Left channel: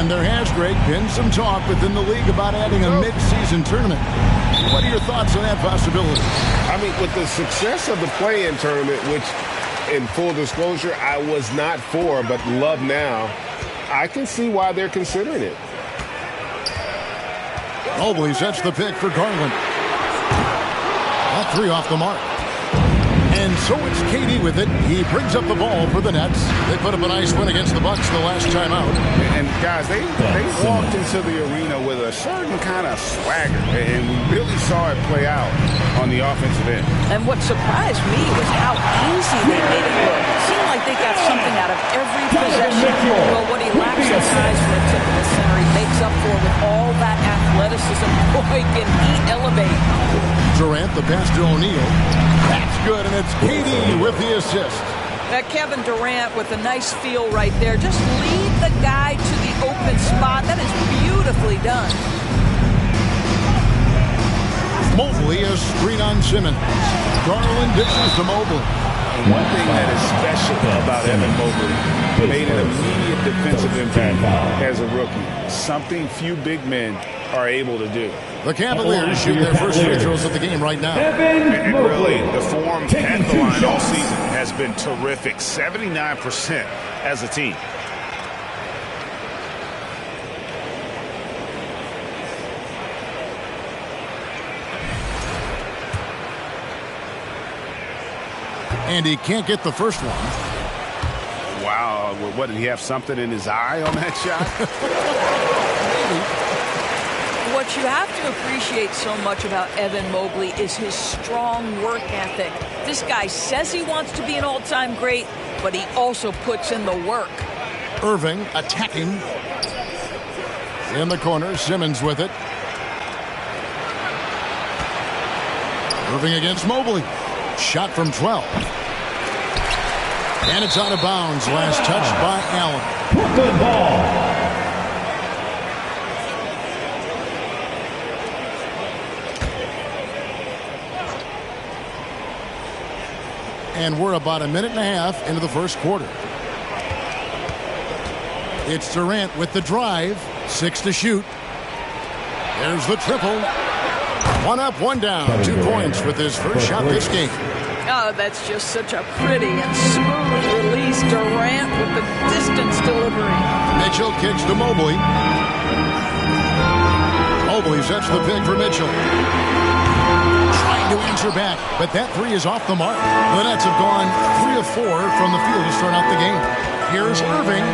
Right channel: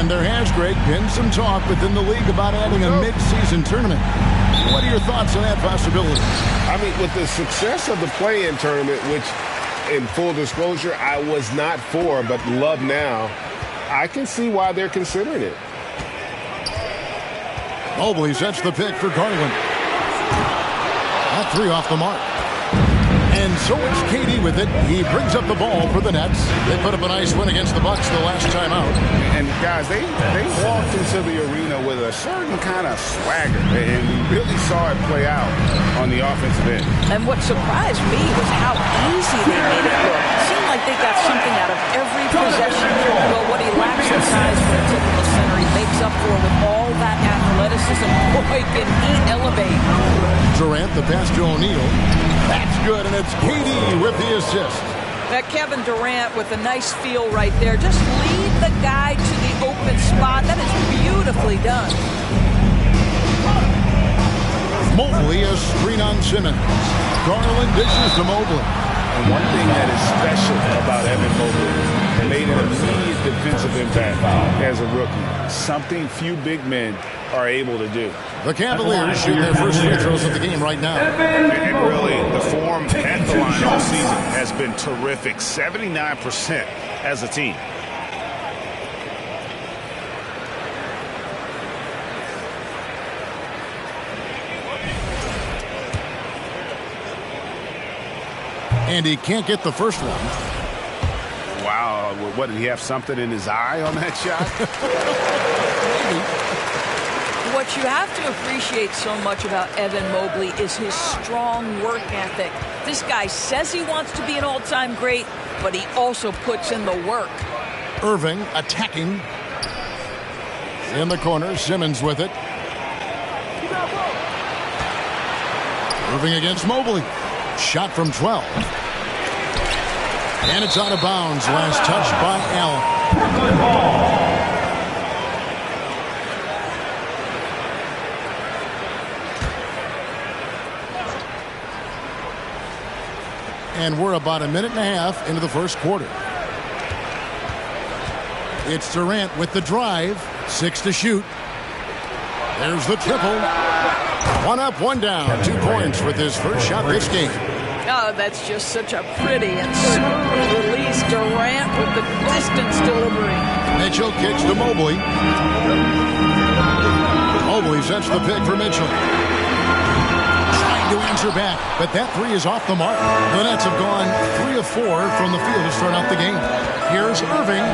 And there has, Greg, been some talk within the league about adding a mid-season tournament. What are your thoughts on that possibility? I mean, with the success of the play-in tournament, which, in full disclosure, I was not for, but love now, I can see why they're considering it. Mobley sets the pick for Garland. That three off the mark. And so it's KD with it. He brings up the ball for the Nets. They put up a nice win against the Bucks the last time out. And guys, they walked into the arena with a certain kind of swagger, and we really saw it play out on the offensive end. And what surprised me was how easy they made it look. It seemed like they got something out of every possession. Well, what he lacks in size for a typical center, he makes up for with all that athleticism. Boy, can he elevate. Durant, the pass to O'Neal. That's good, and it's KD with the assist. That Kevin Durant with a nice feel right there. Just lead the guy to the open spot. That is beautifully done. Mobley a screen on Simmons. Garland dishes to Mobley. And one thing that is special about Evan Mobley, made an immediate defensive impact as a rookie. Something few big men are able to do. The Cavaliers shoot their first free throws of the game right now. And really, the form at the line all season has been terrific. 79% as a team. And he can't get the first one. Wow, what, did he have something in his eye on that shot? Maybe. What you have to appreciate so much about Evan Mobley is his strong work ethic. This guy says he wants to be an all-time great, but he also puts in the work. Irving attacking. In the corner, Simmons with it. Irving against Mobley. Shot from 12. And it's out of bounds. Last touch by Allen. Brooklyn ball. And we're about a minute and a half into the first quarter. It's Durant with the drive. 6 to shoot. There's the triple. One up, one down. 2 points with his first shot this game. Oh, that's just such a pretty and smooth release. Durant with the distance delivery. Mitchell kicks to Mobley. Mobley sets the pick for Mitchell. Trying to answer back, but that three is off the mark. The Nets have gone 3 of 4 from the field to start out the game. Here's Irving.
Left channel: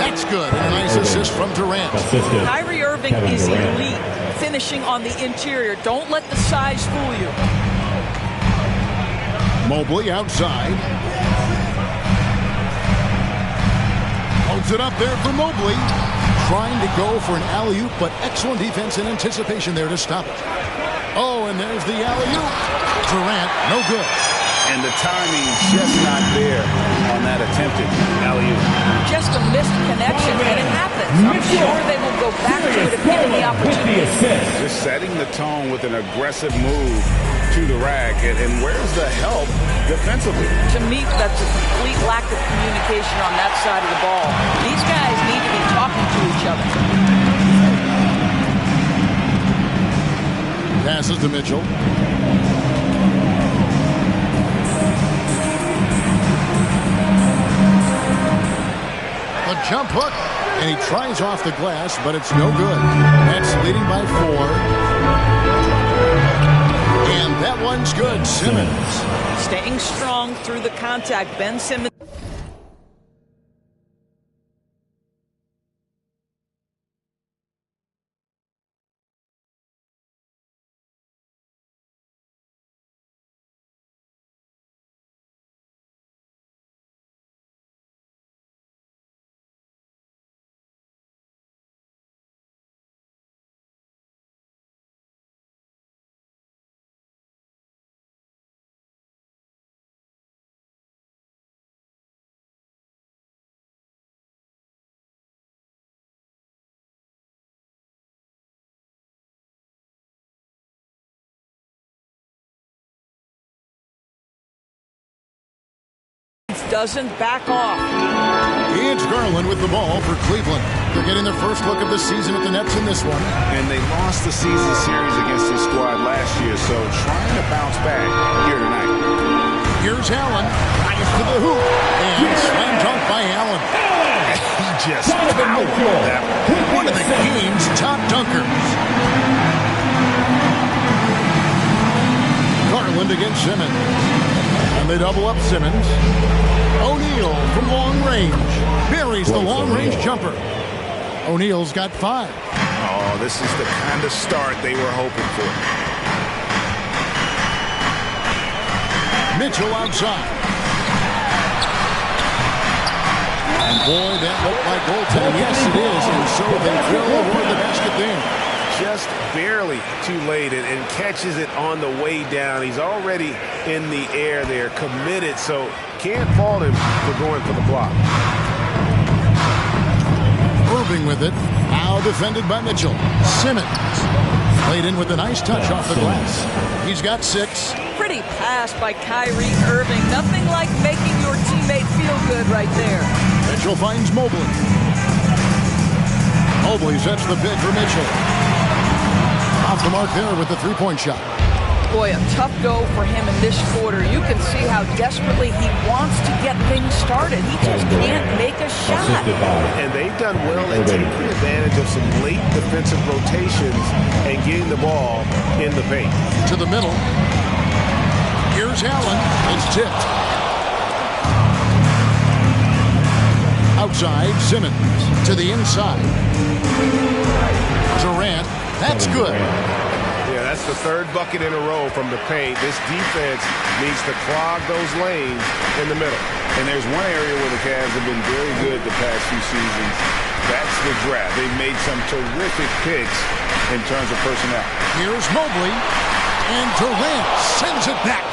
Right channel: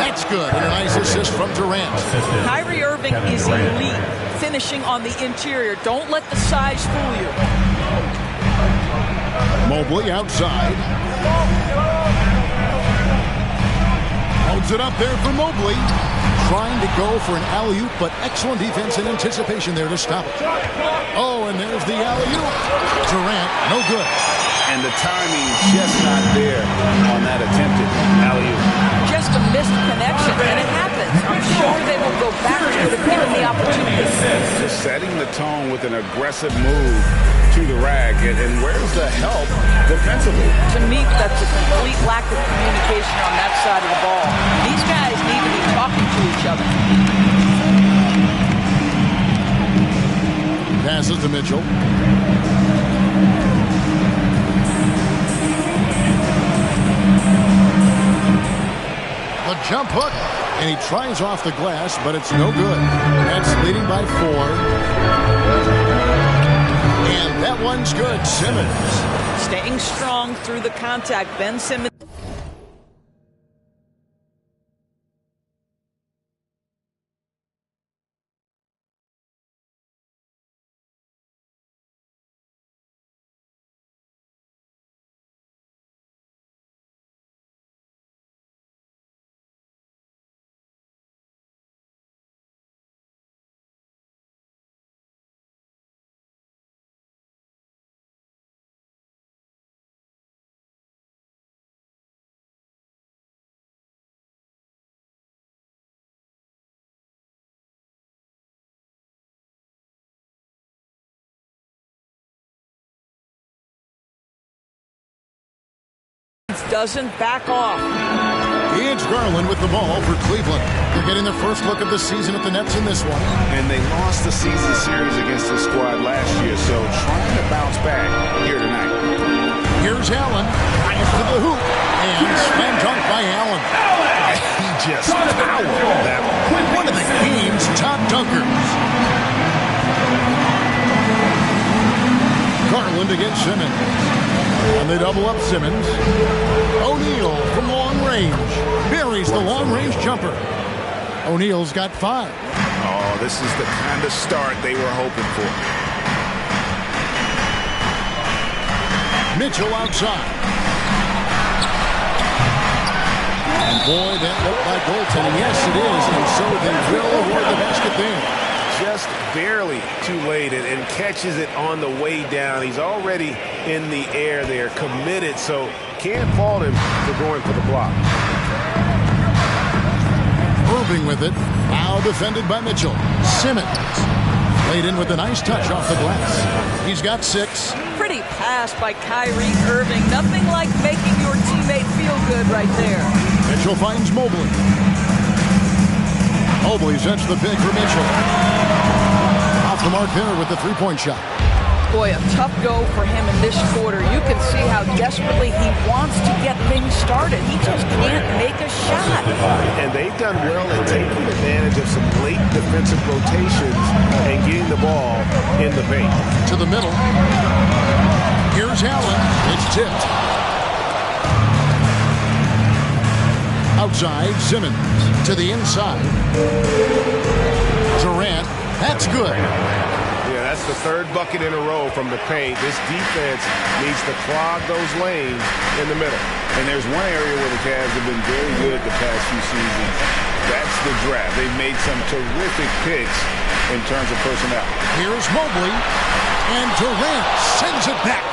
That's good. And a nice assist from Durant. Kyrie Irving is elite, finishing on the interior. Don't let the size fool you. Mobley outside. Loads it up there for Mobley. Trying to go for an alley-oop, but excellent defense and anticipation there to stop it. Oh, and there's the alley-oop. Durant, no good. And the timing just not there on that attempted alley-oop. Just a missed connection, and it happens. I'm sure they will go back to it if given the opportunity. Just setting the tone with an aggressive move to the rack. And where's the help defensively? To me, that's a complete lack of communication on that side of the ball. These guys need to be talking to each other. Passes to Mitchell. The jump hook, and he tries off the glass, but it's no good. Nets leading by 4. And that one's good. Simmons. Staying strong through the contact. Ben Simmons. Doesn't back off. It's Garland with the ball for Cleveland. They're getting their first look of the season at the Nets in this one. And they lost the season series against this squad last year, so trying to bounce back here tonight. Here's Allen, drives to the hoop, and slam dunk by Allen. He just powered that One of the game's top dunkers. Garland against Simmons. And they double up Simmons. O'Neal from long range buries the long-range jumper. O'Neal's got 5. Oh, this is the kind of start they were hoping for. Mitchell outside. And boy, that looked like goaltending. Yes, it is. And so they will award the basket there. Just barely too late and catches it on the way down. He's already in the air there, committed, so can't fault him for going for the block. Irving with it. Now defended by Mitchell. Simmons played in with a nice touch off the glass. He's got 6. Pretty pass by Kyrie Irving. Nothing like making your teammate feel good right there. Mitchell finds Mobley. Mobley sets the pick for Mitchell. Off the mark there with the three-point shot. Boy, a tough go for him in this quarter. You can see how desperately he wants to get things started. He just can't make a shot. And they've done well at taking advantage of some late defensive rotations and getting the ball in the paint. To the middle. Here's Allen. It's tipped. Outside, Simmons. To the inside. Durant. That's good. Yeah, that's the 3rd bucket in a row from the paint. This defense needs to clog those lanes in the middle. And there's one area where the Cavs have been very good the past few seasons. That's the draft. They've made some terrific picks in terms of personnel. Here's Mobley. And Durant sends it back.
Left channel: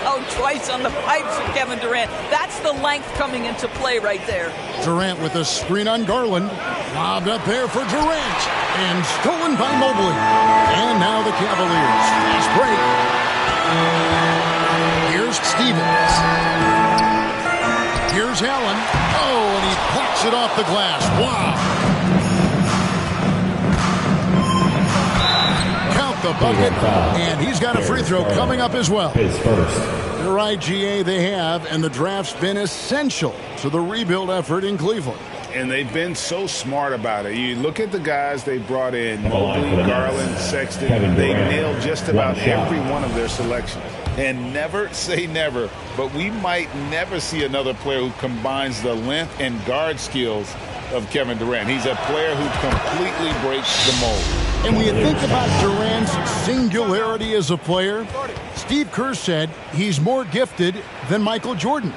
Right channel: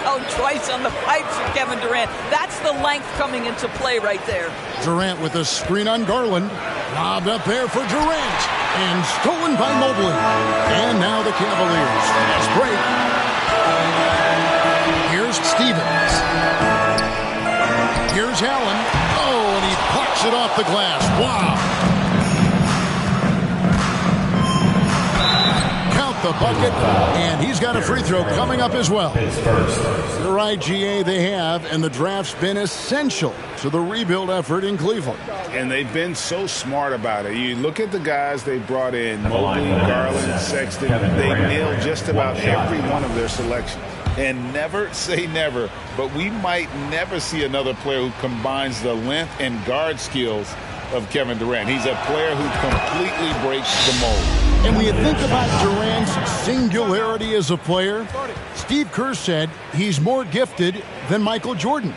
Wow, twice on the pipes of Kevin Durant. That's the length coming into play right there. Durant with a screen on Garland. Lobbed up there for Durant. And stolen by Mobley. And now the Cavaliers. Fast break. Here's Stevens. Here's Allen. Oh, and he blocks it off the glass. Wow. Count the bucket. And he's got a free throw coming up as well. You're right, GA, they have. And the draft's been essential to the rebuild effort in Cleveland. And they've been so smart about it. You look at the guys they brought in, Mobley, Garland, Sexton. They nailed just about every one of their selections. And never say never, but we might never see another player who combines the length and guard skills of Kevin Durant. He's a player who completely breaks the mold. And when you think about Durant's singularity as a player, Steve Kerr said he's more gifted than Michael Jordan.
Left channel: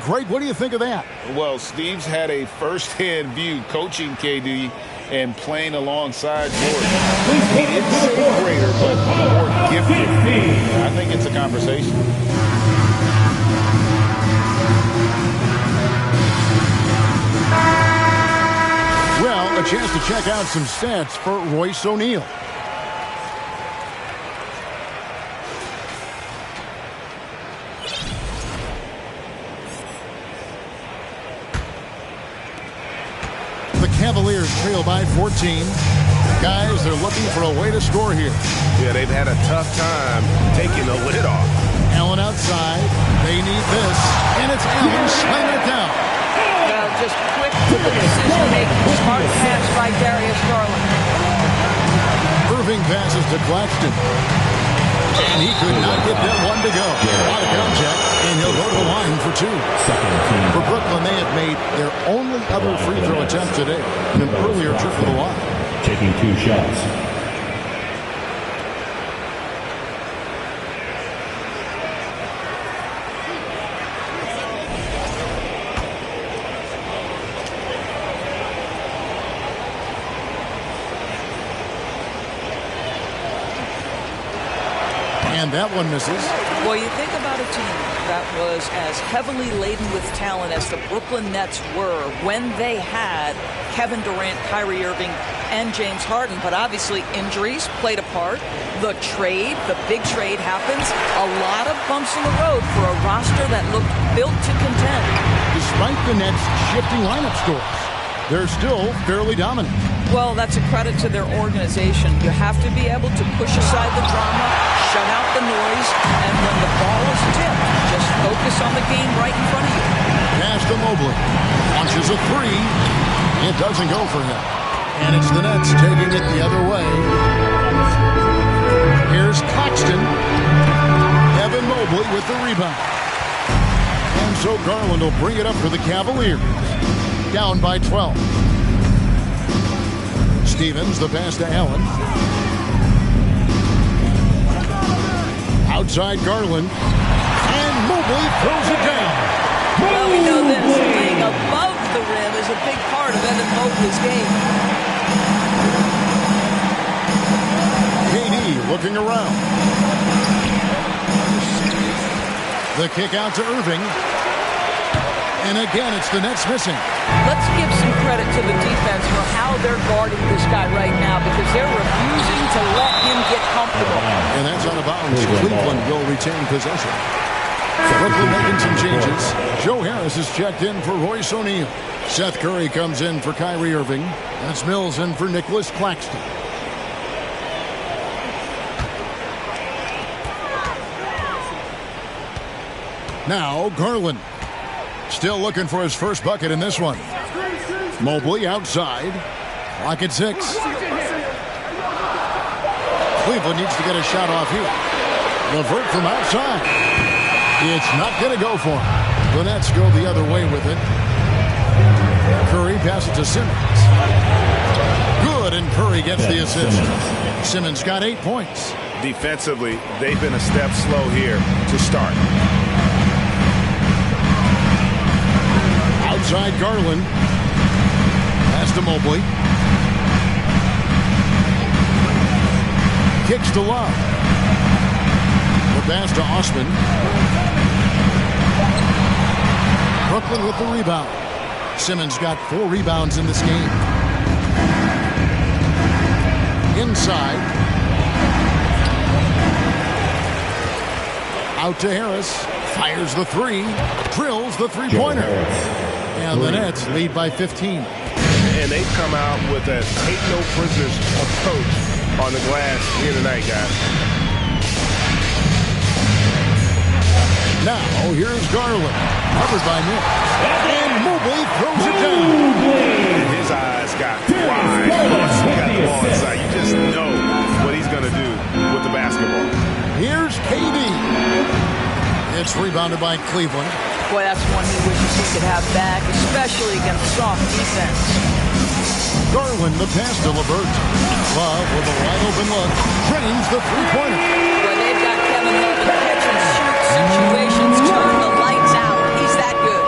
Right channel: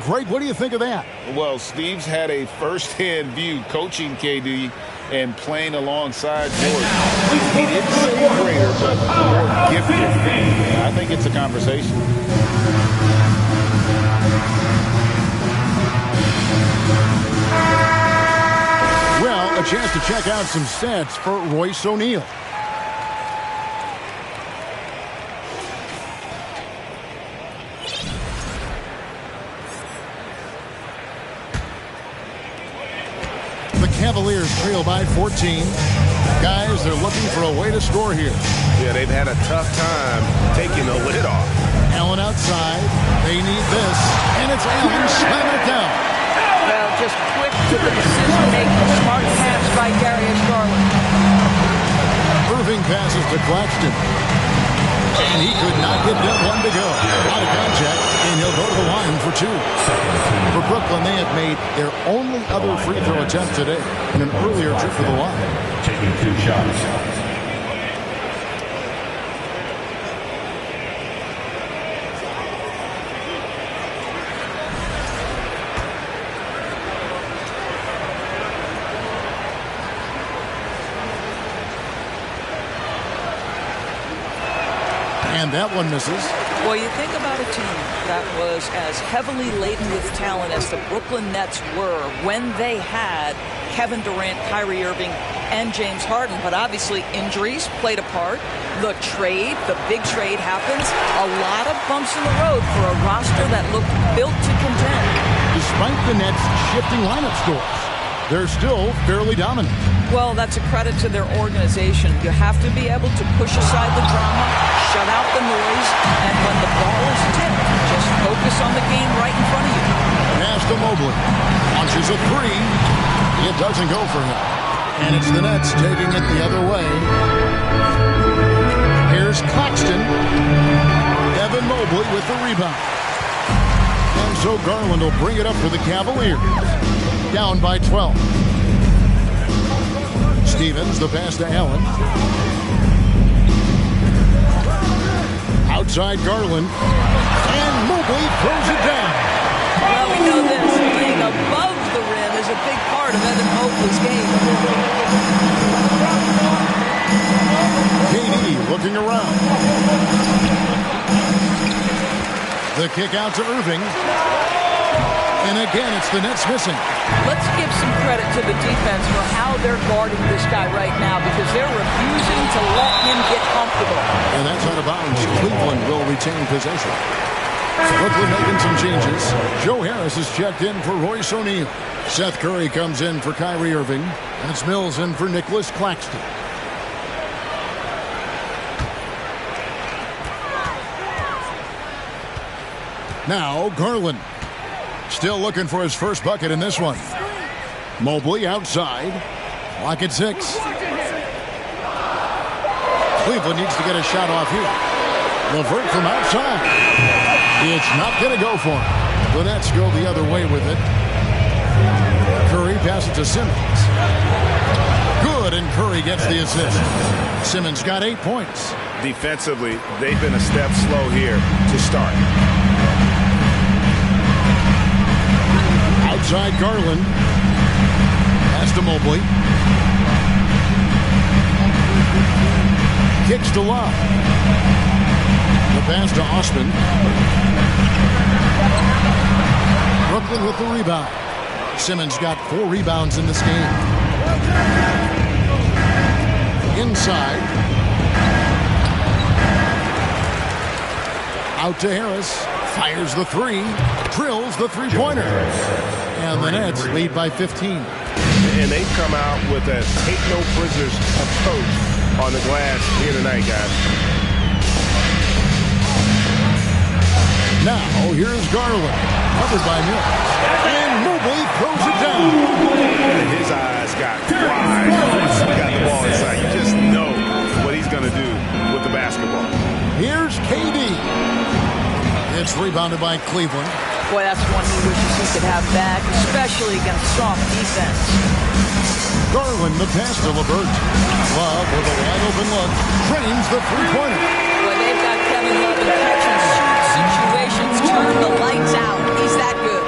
Greg, what do you think of that? Well, Steve's had a first-hand view coaching KD and playing alongside Jordan. He didn't say greater, but more gifted. I think it's a conversation. Well, a chance to check out some stats for Royce O'Neal. The Cavaliers trail by 14. Guys, they're looking for a way to score here. Yeah, they've had a tough time taking the lid off. Allen outside. They need this. And it's Allen slamming it down. Well, just quick to the decision-making. Smart pass by Darius Garland. Irving passes to Claxton. And he could not get that one to go. A lot of contact, and he'll go to the line for 2. For Brooklyn, they have made their only other free throw attempt today in an earlier trip to the line. Taking 2 shots. And that one misses. Well, you think about a team that was as heavily laden with talent as the Brooklyn Nets were when they had Kevin Durant, Kyrie Irving, and James Harden. But obviously injuries played a part. The big trade happens. A lot of bumps in the road for a roster that looked built to contend. despite the Nets' shifting lineup scores. They're still fairly dominant. Well, that's a credit to their organization. You have to be able to push aside the drama, shut out the noise, and when the ball is tipped, just focus on the game right in front of you. Pass to Mobley. Launches a three. It doesn't go for him. And it's the Nets taking it the other way. Here's Claxton. Evan Mobley with the rebound. And so Garland will bring it up for the Cavaliers. Down by 12. Stevens, the pass to Allen. Outside Garland. And Mobley throws it down. Well, we know this. Playing above the rim is a big part of Evan Mobley's game. KD looking around. The kick out to Irving. And again, it's the Nets missing. Let's give some credit to the defense for how they're guarding this guy right now because they're refusing to let him get comfortable. And that's out of bounds. Cleveland will retain possession. Quickly making some changes. Joe Harris is checked in for Royce O'Neal. Seth Curry comes in for Kyrie Irving. And it's Mills in for Nicholas Claxton. Now Garland. Still looking for his first bucket in this one. Mobley outside. Clock at 6. Cleveland needs to get a shot off here. LeVert from outside. It's not going to go for him. The Nets go the other way with it. Curry passes to Simmons. Good, and Curry gets the assist. Simmons got 8 points. Defensively, they've been a step slow here to start. Outside Garland. Pass to Mobley. Kicks to Love. The pass to Osman. Brooklyn with the rebound. Simmons got 4 rebounds in this game. Inside. Out to Harris. Fires the 3. Drills the three-pointer. And the Nets lead by 15. And they've come out with a take-no-prisoners approach on the glass here tonight, guys. Now, here's Garland. Covered by Mills. And Mobley throws it down. And his eyes got wide once he got the ball inside. You just know what he's going to do with the basketball. Here's KD. It's rebounded by Cleveland. Boy, that's one he wishes he could have back, especially against soft defense. Garland, the pass to LeVert. Love with a wide-open look. Drains the three-pointer. Boy, they've got Kevin Love in catch-and-shoot situations. Turn the lights out. He's that good.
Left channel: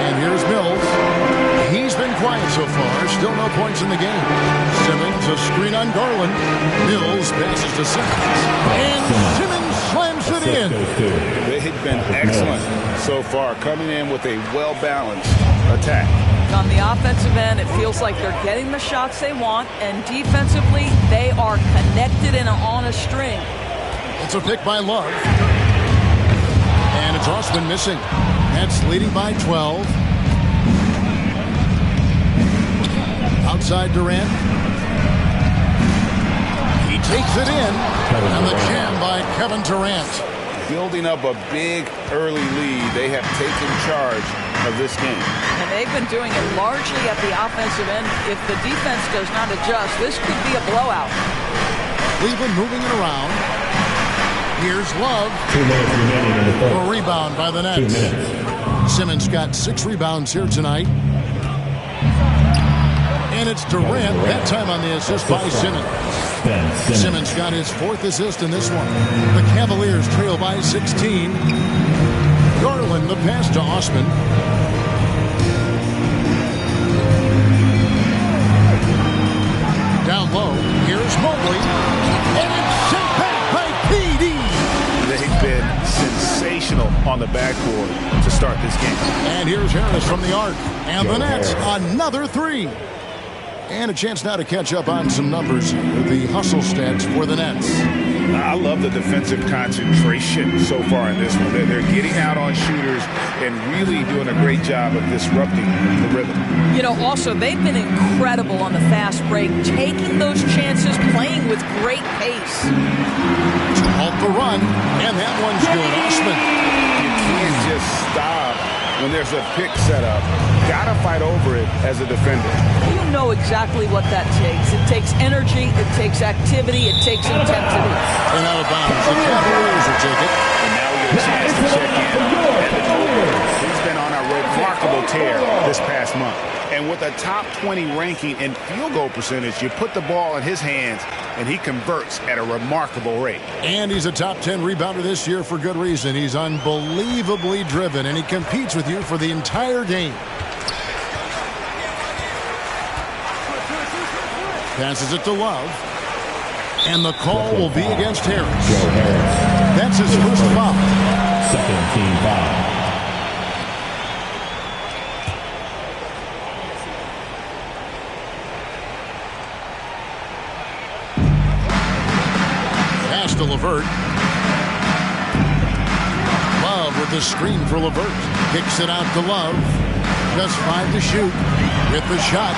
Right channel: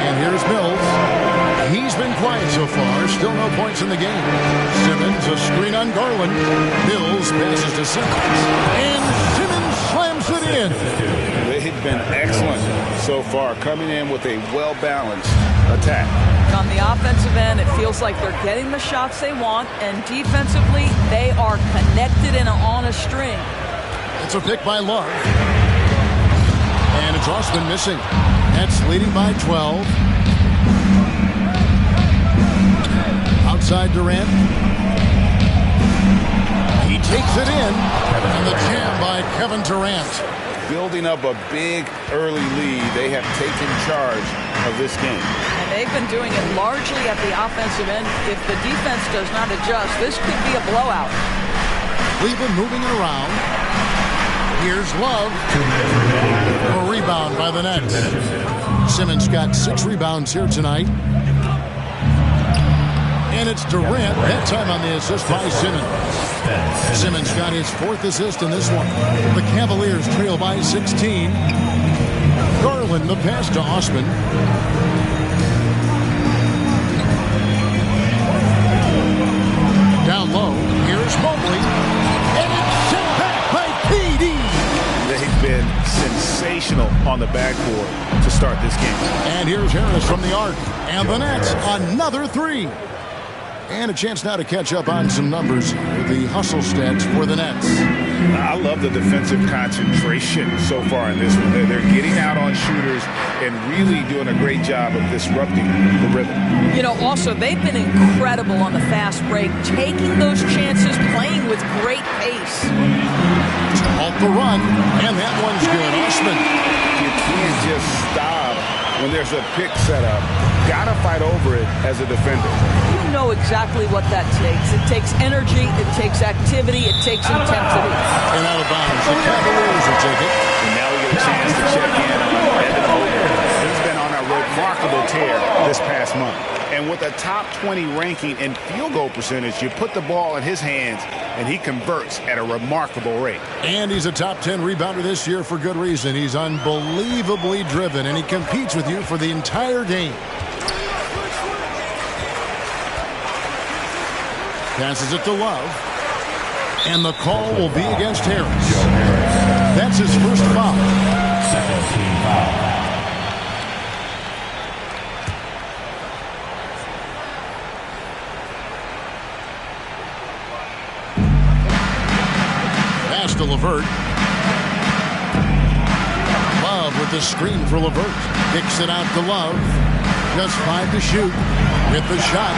And here's Mills. He's been quiet so far. Still no points in the game. Simmons, a screen on Garland. Mills passes to Simmons. And Simmons slams it in. They've been excellent so far, coming in with a well-balanced attack. On the offensive end, it feels like they're getting the shots they want, and defensively, they are connected and on a string. It's a pick by Love. And it's Osman missing. Nets leading by 12. Outside Durant. He takes it in. And the jam by Kevin Durant. Building up a big early lead, they have taken charge of this game. And they've been doing it largely at the offensive end. If the defense does not adjust, this could be a blowout. Cleveland moving it around. Here's Love. A rebound by the Nets. Simmons got 6 rebounds here tonight. And it's Durant, that time on the assist by Simmons. Simmons got his 4th assist in this one. The Cavaliers trail by 16. Garland, the pass to Osman. Down low, here's Mobley. And it's sent back by KD. They've been sensational on the backboard to start this game. And here's Harris from the arc. And the Nets, another 3. And a chance now to catch up on some numbers. The hustle stats for the Nets. I love the defensive concentration so far in this one. They're getting out on shooters and really doing a great job of disrupting the rhythm. You know, also, they've been incredible on the fast break, taking those chances, playing with great pace. To halt the run, and that one's good. Osman. You can't just stop when there's a pick set up. Got to fight over it as a defender. You know exactly what that takes. It takes energy, it takes activity, it takes intensity. And out of bounds, the Cavaliers will take it. And now we get a chance to check in on Evan Mobley. He's been on a remarkable tear this past month. And with a top 20 ranking in field goal percentage, you put the ball in his hands, and he converts at a remarkable rate. And he's a top 10 rebounder this year for good reason. He's unbelievably driven, and he competes with you for the entire game. Passes it to Love. And the call will be against Harris. That's his first foul. Second team foul. Pass to LeVert. Love with the screen for LeVert. Kicks it out to Love. Just 5 to shoot with the shot.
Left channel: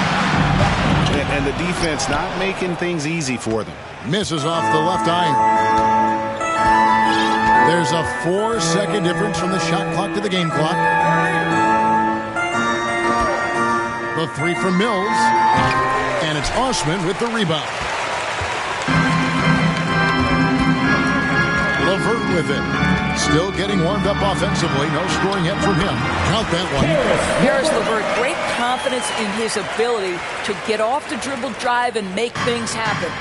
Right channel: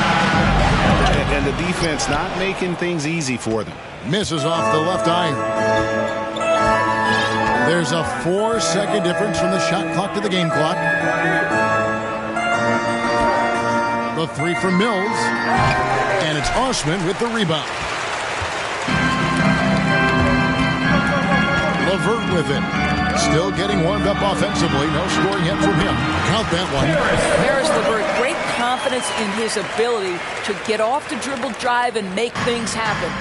And the defense not making things easy for them. Misses off the left iron. There's a 4-second difference from the shot clock to the game clock. The three from Mills. And it's Osman with the rebound. LeVert with it. Still getting warmed up offensively. No scoring yet from him. Count that one. Harris LeVert, great confidence in his ability to get off the dribble drive and make things happen.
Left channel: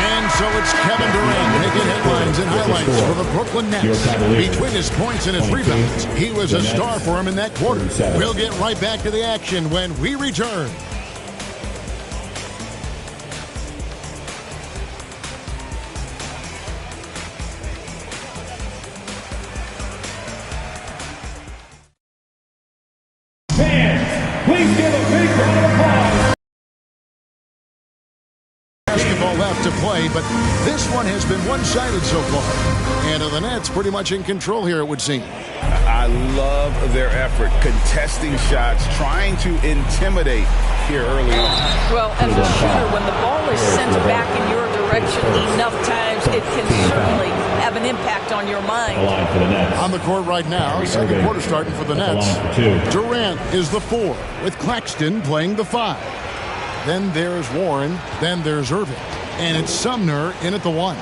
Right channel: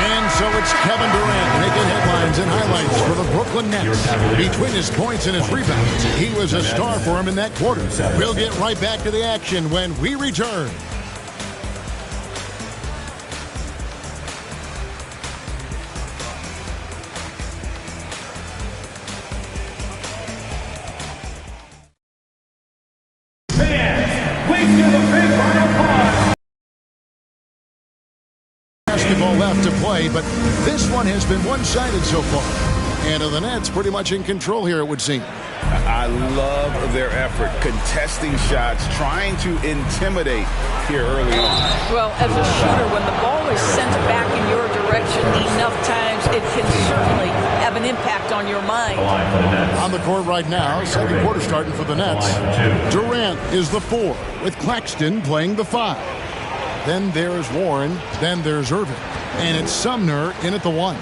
And so it's Kevin Durant making headlines and highlights for the Brooklyn Nets. Between his points and his rebounds, he was a star for him in that quarter. We'll get right back to the action when we return. Basketball left to play, but this one has been one-sided so far. And the Nets pretty much in control here, it would seem. I love their effort, contesting shots, trying to intimidate here early on. Well, as a shooter, when the ball is sent back in your direction enough times, it can certainly have an impact on your mind. On the court right now, second quarter starting for the Nets. Durant is the 4, with Claxton playing the 5. Then there's Warren, then there's Irving. And it's Sumner in at the 1.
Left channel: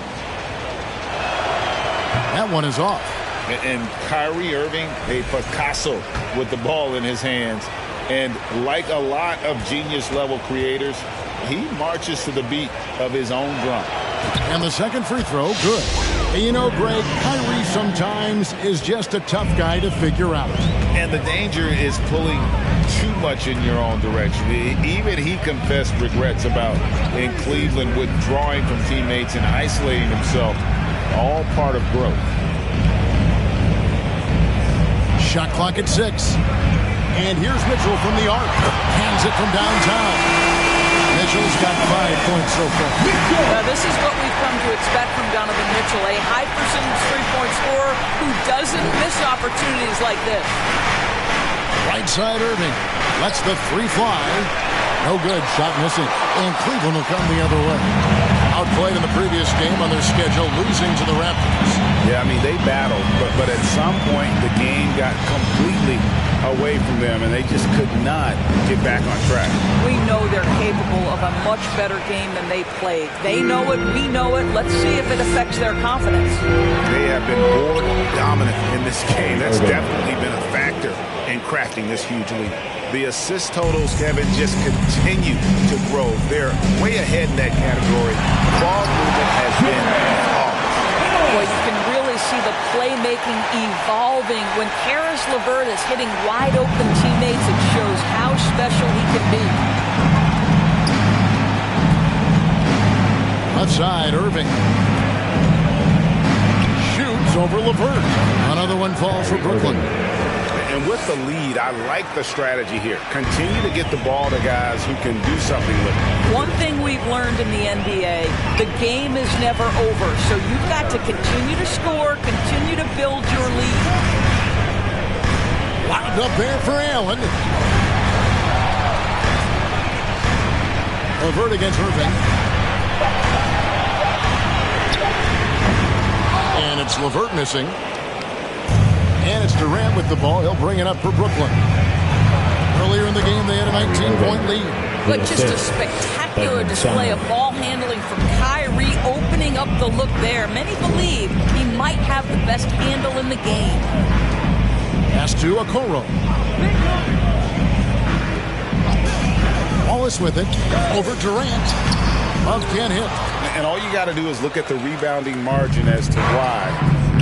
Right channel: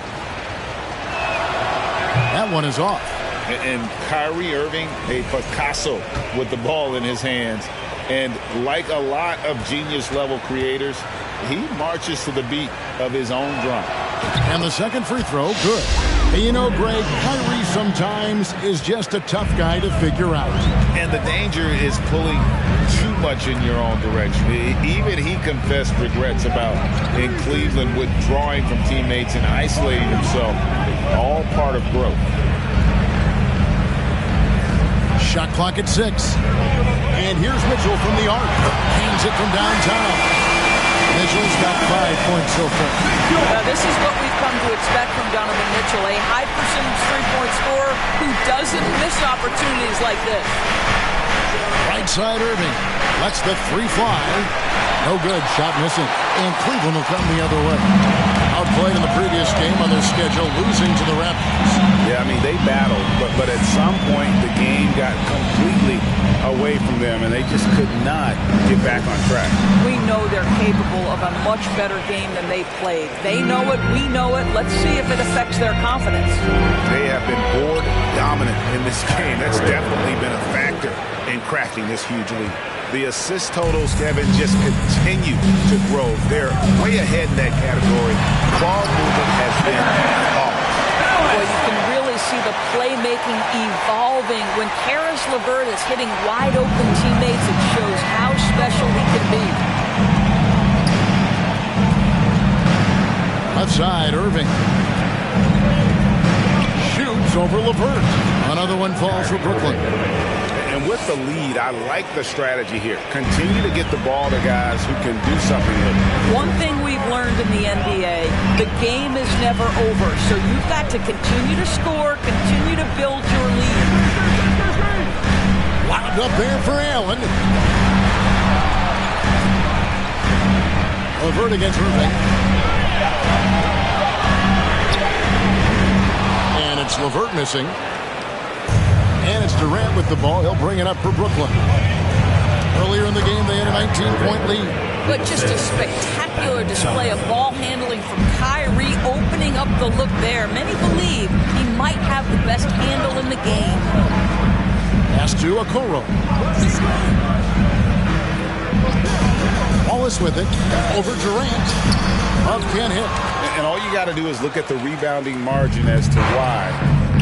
That one is off. And Kyrie Irving, a Picasso with the ball in his hands. And like a lot of genius-level creators, he marches to the beat of his own drum. And the second free throw, good. And you know, Greg, Kyrie sometimes is just a tough guy to figure out. And the danger is pulling too much in your own direction. Even he confessed regrets about in Cleveland withdrawing from teammates and isolating himself. All part of growth. Shot clock at 6. And here's Mitchell from the arc. Cans it from downtown. Mitchell's got 5 points so far. This is what we've come to expect from Donovan Mitchell, a high-percentage three-point scorer who doesn't miss opportunities like this. Right side Irving. Lets the 3 fly. No good. Shot missing. And Cleveland will come the other way. Outplayed in the previous game on their schedule, losing to the Raptors. Yeah, I mean, they battled, but at some point the game got completely away from them, and they just could not get back on track. We know they're capable of a much better game than they played. They know it, we know it. Let's see if it affects their confidence. They have been board dominant in this game. That's definitely been a factor in crafting this huge lead. The assist totals, Kevin, just continue to grow. They're way ahead in that category. Ball movement has been flawless. Boy, you can really see the playmaking evolving. When Caris LeVert is hitting wide-open teammates, it shows how special he can be. Left side, Irving. Shoots over LeVert. Another one falls for Brooklyn. And And with the lead, I like the strategy here. Continue to get the ball to guys who can do something with it. One thing we've learned in the NBA, the game is never over. So you've got to continue to score, continue to build your lead. Wound up there for Allen. LeVert against Irving. And it's LeVert missing. And it's Durant with the ball. He'll bring it up for Brooklyn. Earlier in the game, they had a 19-point lead. But just a spectacular display of ball handling from Kyrie, opening up the look there. Many believe he might have the best handle in the game. Pass to Okoro. Wallace with it. Over Durant. Love can't hit. And all you got to do is look at the rebounding margin as to why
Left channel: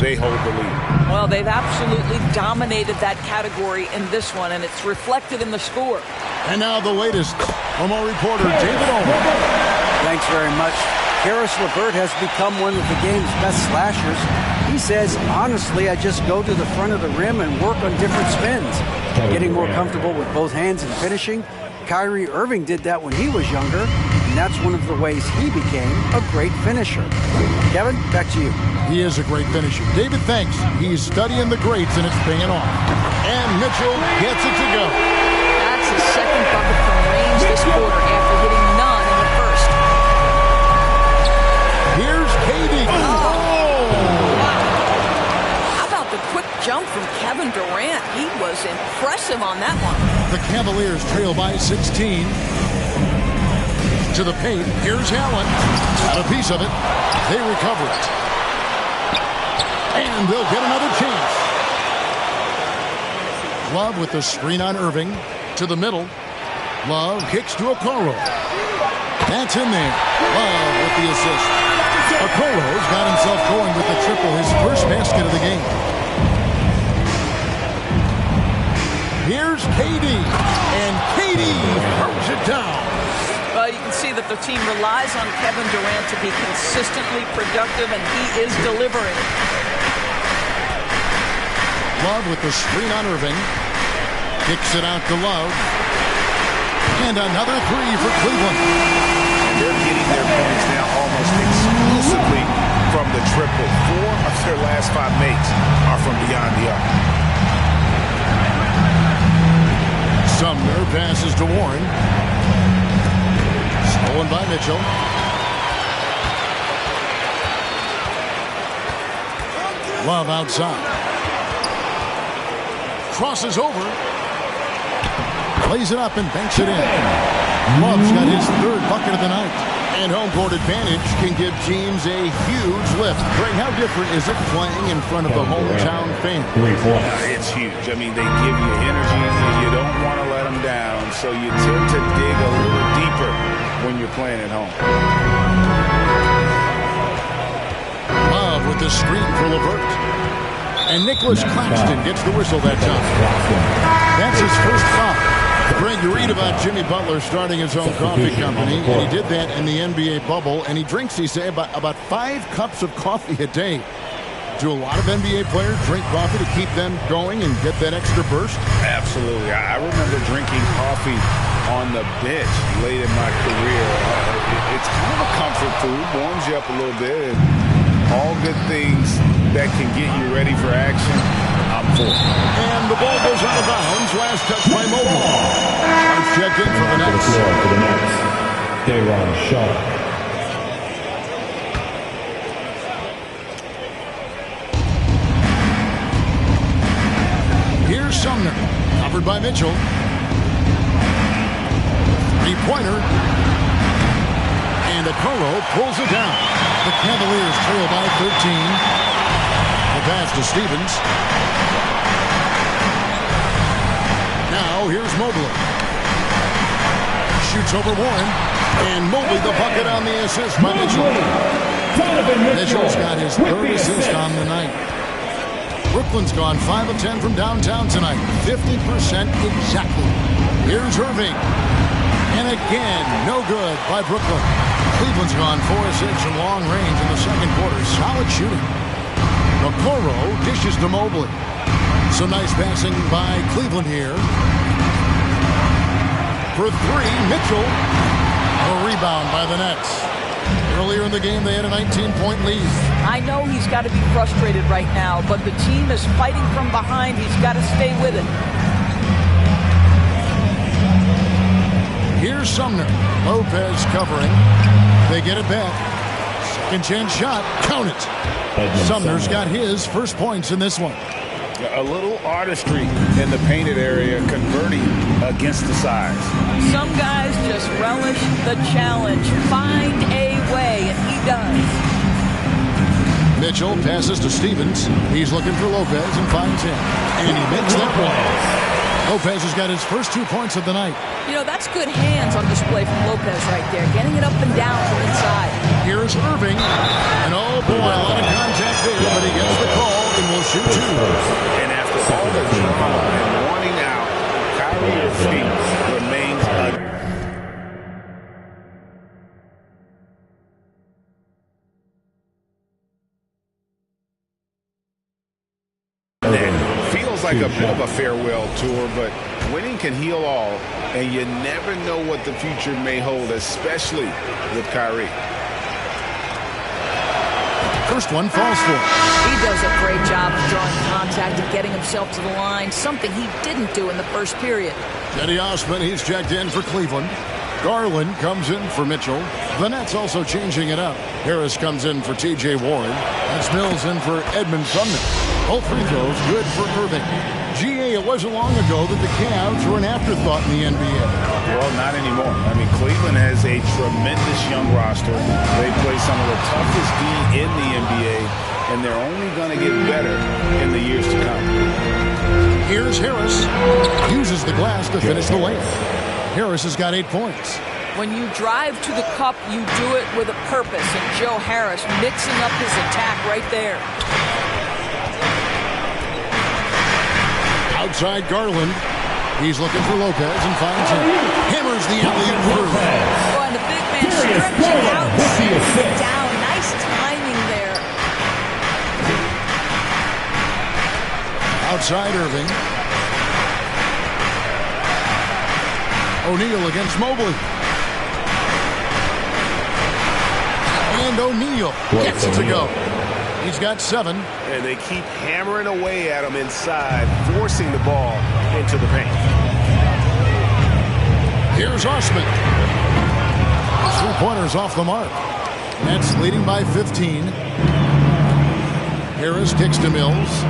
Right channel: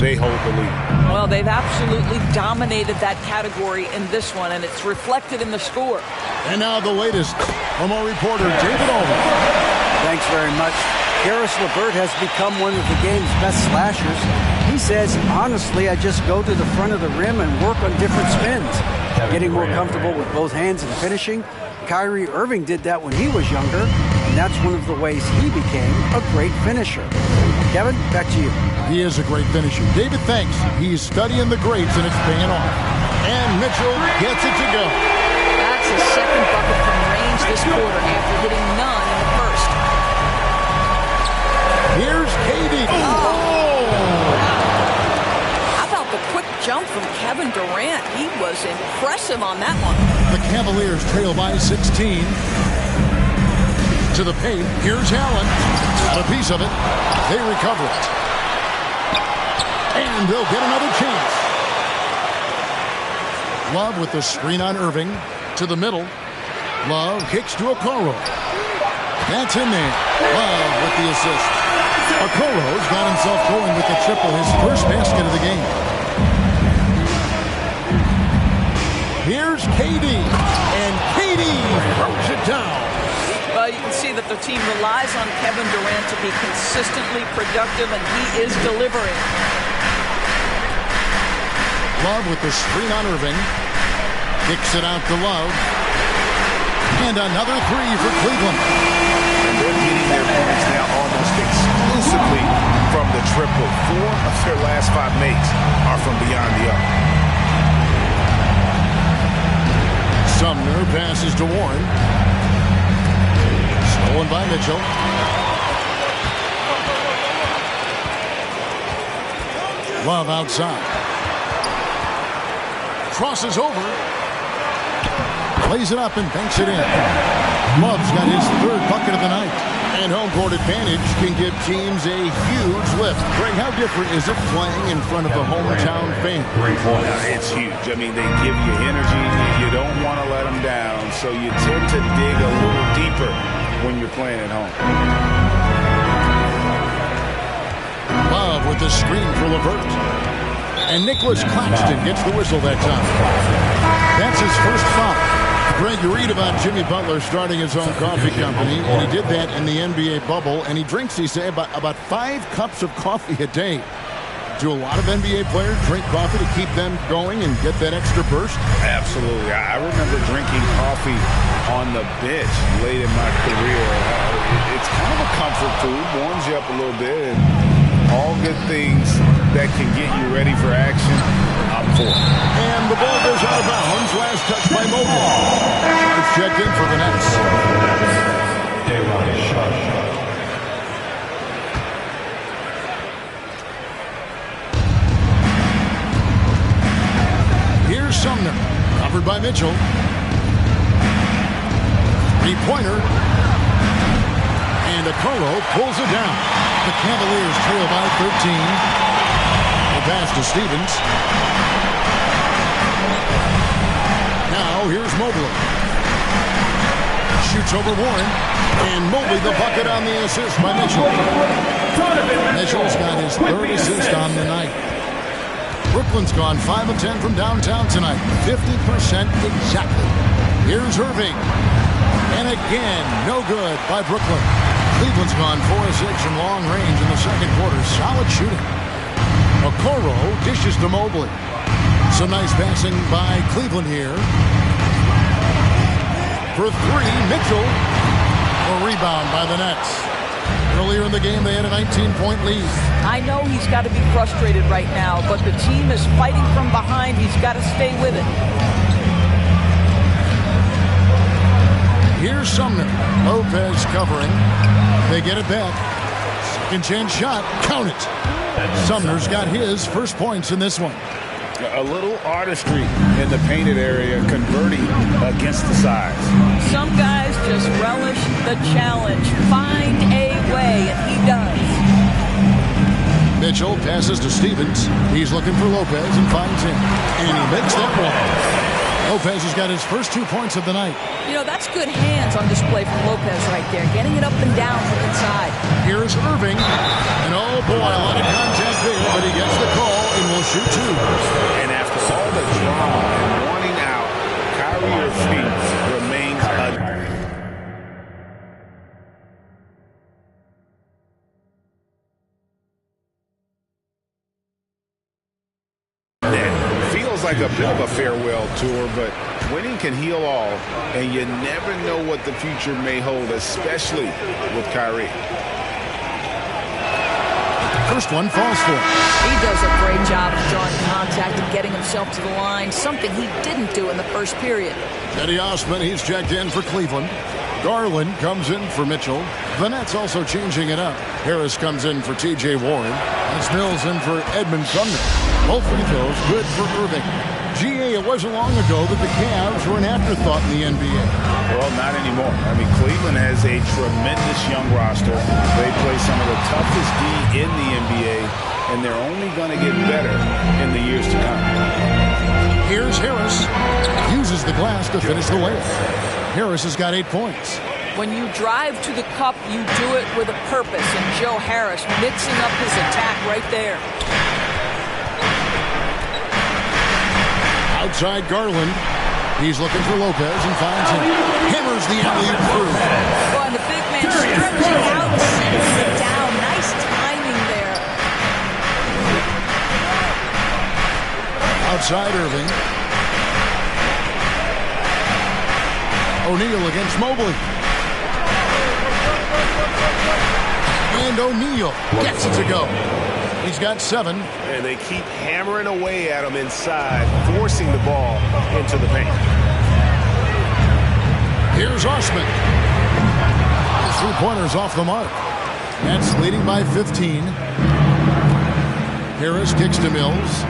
they hold the lead. Well, they've absolutely dominated that category in this one, and it's reflected in the score. And now the latest from our reporter, David Allman. Thanks very much. Caris LeVert has become one of the game's best slashers. He says, honestly, I just go to the front of the rim and work on different spins, getting more comfortable with both hands and finishing. Kyrie Irving did that when he was younger, and that's one of the ways he became a great finisher. Kevin, back to you. He is a great finisher. David, thanks. He's studying the greats, and it's paying off. And Mitchell gets it to go. That's his second bucket from range this quarter after hitting none in the first. Here's KD. Wow. How about the quick jump from Kevin Durant? He was impressive on that one. The Cavaliers trail by 16. To the paint. Here's Allen. Got a piece of it. They recover it. And they'll get another chance. Love with the screen on Irving. To the middle. Love kicks to Okoro. That's in there. Love with the assist. Okoro's got himself going with the triple, his first basket of the game. Here's KD. And KD throws it down. Well, you can see that the team relies on Kevin Durant to be consistently productive, and he is delivering. Love with the screen on Irving. Kicks it out to Love. And another three for Cleveland. And they're getting their points now almost exclusively from the triple. 4 of their last 5 makes are from beyond the arc. Sumner passes to Warren. Stolen by Mitchell. Love outside. Crosses over. Plays it up and banks it in. Love's got his third bucket of the night. And home court advantage can give teams a huge lift. Greg, how different is it playing in front of the hometown fans? It's huge. I mean, they give you energy. You don't want to let them down. So you tend to dig a little deeper when you're playing at home. Love with the screen for LeVert. And Nicholas Claxton gets the whistle that time. That's his first foul. Greg, you read about Jimmy Butler starting his own coffee company, and he did that in the NBA bubble, and he drinks, he said, about 5 cups of coffee a day. Do a lot of NBA players drink coffee to keep them going and get that extra burst? Absolutely. I remember drinking coffee on the bench late in my career. It's kind of a comfort food, warms you up a little bit, and all good things that can get you ready for action, I'm for. And the ball goes out of bounds. Last touch by Mobley. Sharp checked in for the Nets. Day'Ron Sharpe. Here's Sumner. Covered by Mitchell. Three-pointer. And Okoro pulls it down. The Cavaliers trail by 13. The pass to Stevens. Now here's Mobley. Shoots over Warren. And Mobley the bucket on the assist by Mitchell. Mitchell's got his third assist on the night. Brooklyn's gone 5 of 10 from downtown tonight. 50% exactly. Here's Irving. And again, no good by Brooklyn. Cleveland's gone 4 of 6 from long range in the second quarter. Solid shooting. Okoro dishes to Mobley. Some nice passing by Cleveland here. For three, Mitchell. A rebound by the Nets. Earlier in the game, they had a 19-point lead. I know he's got to be frustrated right now, but the team is fighting from behind. He's got to stay with it. Here's Sumner. Lopez covering. They get it back. Second chance shot. Count it. Sumner's got his first points in this one. A little artistry in the painted area, converting against the size. Some guys just relish the challenge. Find a way, and he does. Mitchell passes to Stevens. He's looking for Lopez and finds him. And he makes that one. Lopez has got his first 2 points of the night. You know, that's good hands on display from Lopez right there, getting it up and down from inside. Here's Irving. And oh boy, a lot of contact there, but he gets the call and will shoot two. And after all the drama and wanting out, Kyrie Irving remains a... Feels like a bit of a farewell tour, but winning can heal all, and you never know what the future may hold, especially with Kyrie. First one falls for him. He does a great job of drawing contact and getting himself to the line, something he didn't do in the first period. Cedi Osman, he's checked in for Cleveland. Garland comes in for Mitchell. The Nets also changing it up. Harris comes in for T.J. Warren. That's Mills in for Edmund Sumner. Both free throws good for Irving. G.A., it wasn't long ago that the Cavs were an afterthought in the NBA. Well, not anymore. I mean, Cleveland has a tremendous young roster. They play some of the toughest D in the NBA, and they're only going to get better in the years to come. Here's Harris. Uses the glass to finish the layup. Harris has got 8 points. When you drive to the cup, you do it with a purpose, and Joe Harris mixing up his attack right there. Outside Garland. He's looking for Lopez and finds him. Hammers the alley-oop through. Oh, and the big man stretching out, sends it down. Nice timing there. Outside Irving. O'Neal against Mobley. And O'Neal gets it to go. He's got 7. And they keep hammering away at him inside, forcing the ball into the paint. Here's Osman. His three-pointer's off the mark. Nets leading by 15. Harris kicks to Mills.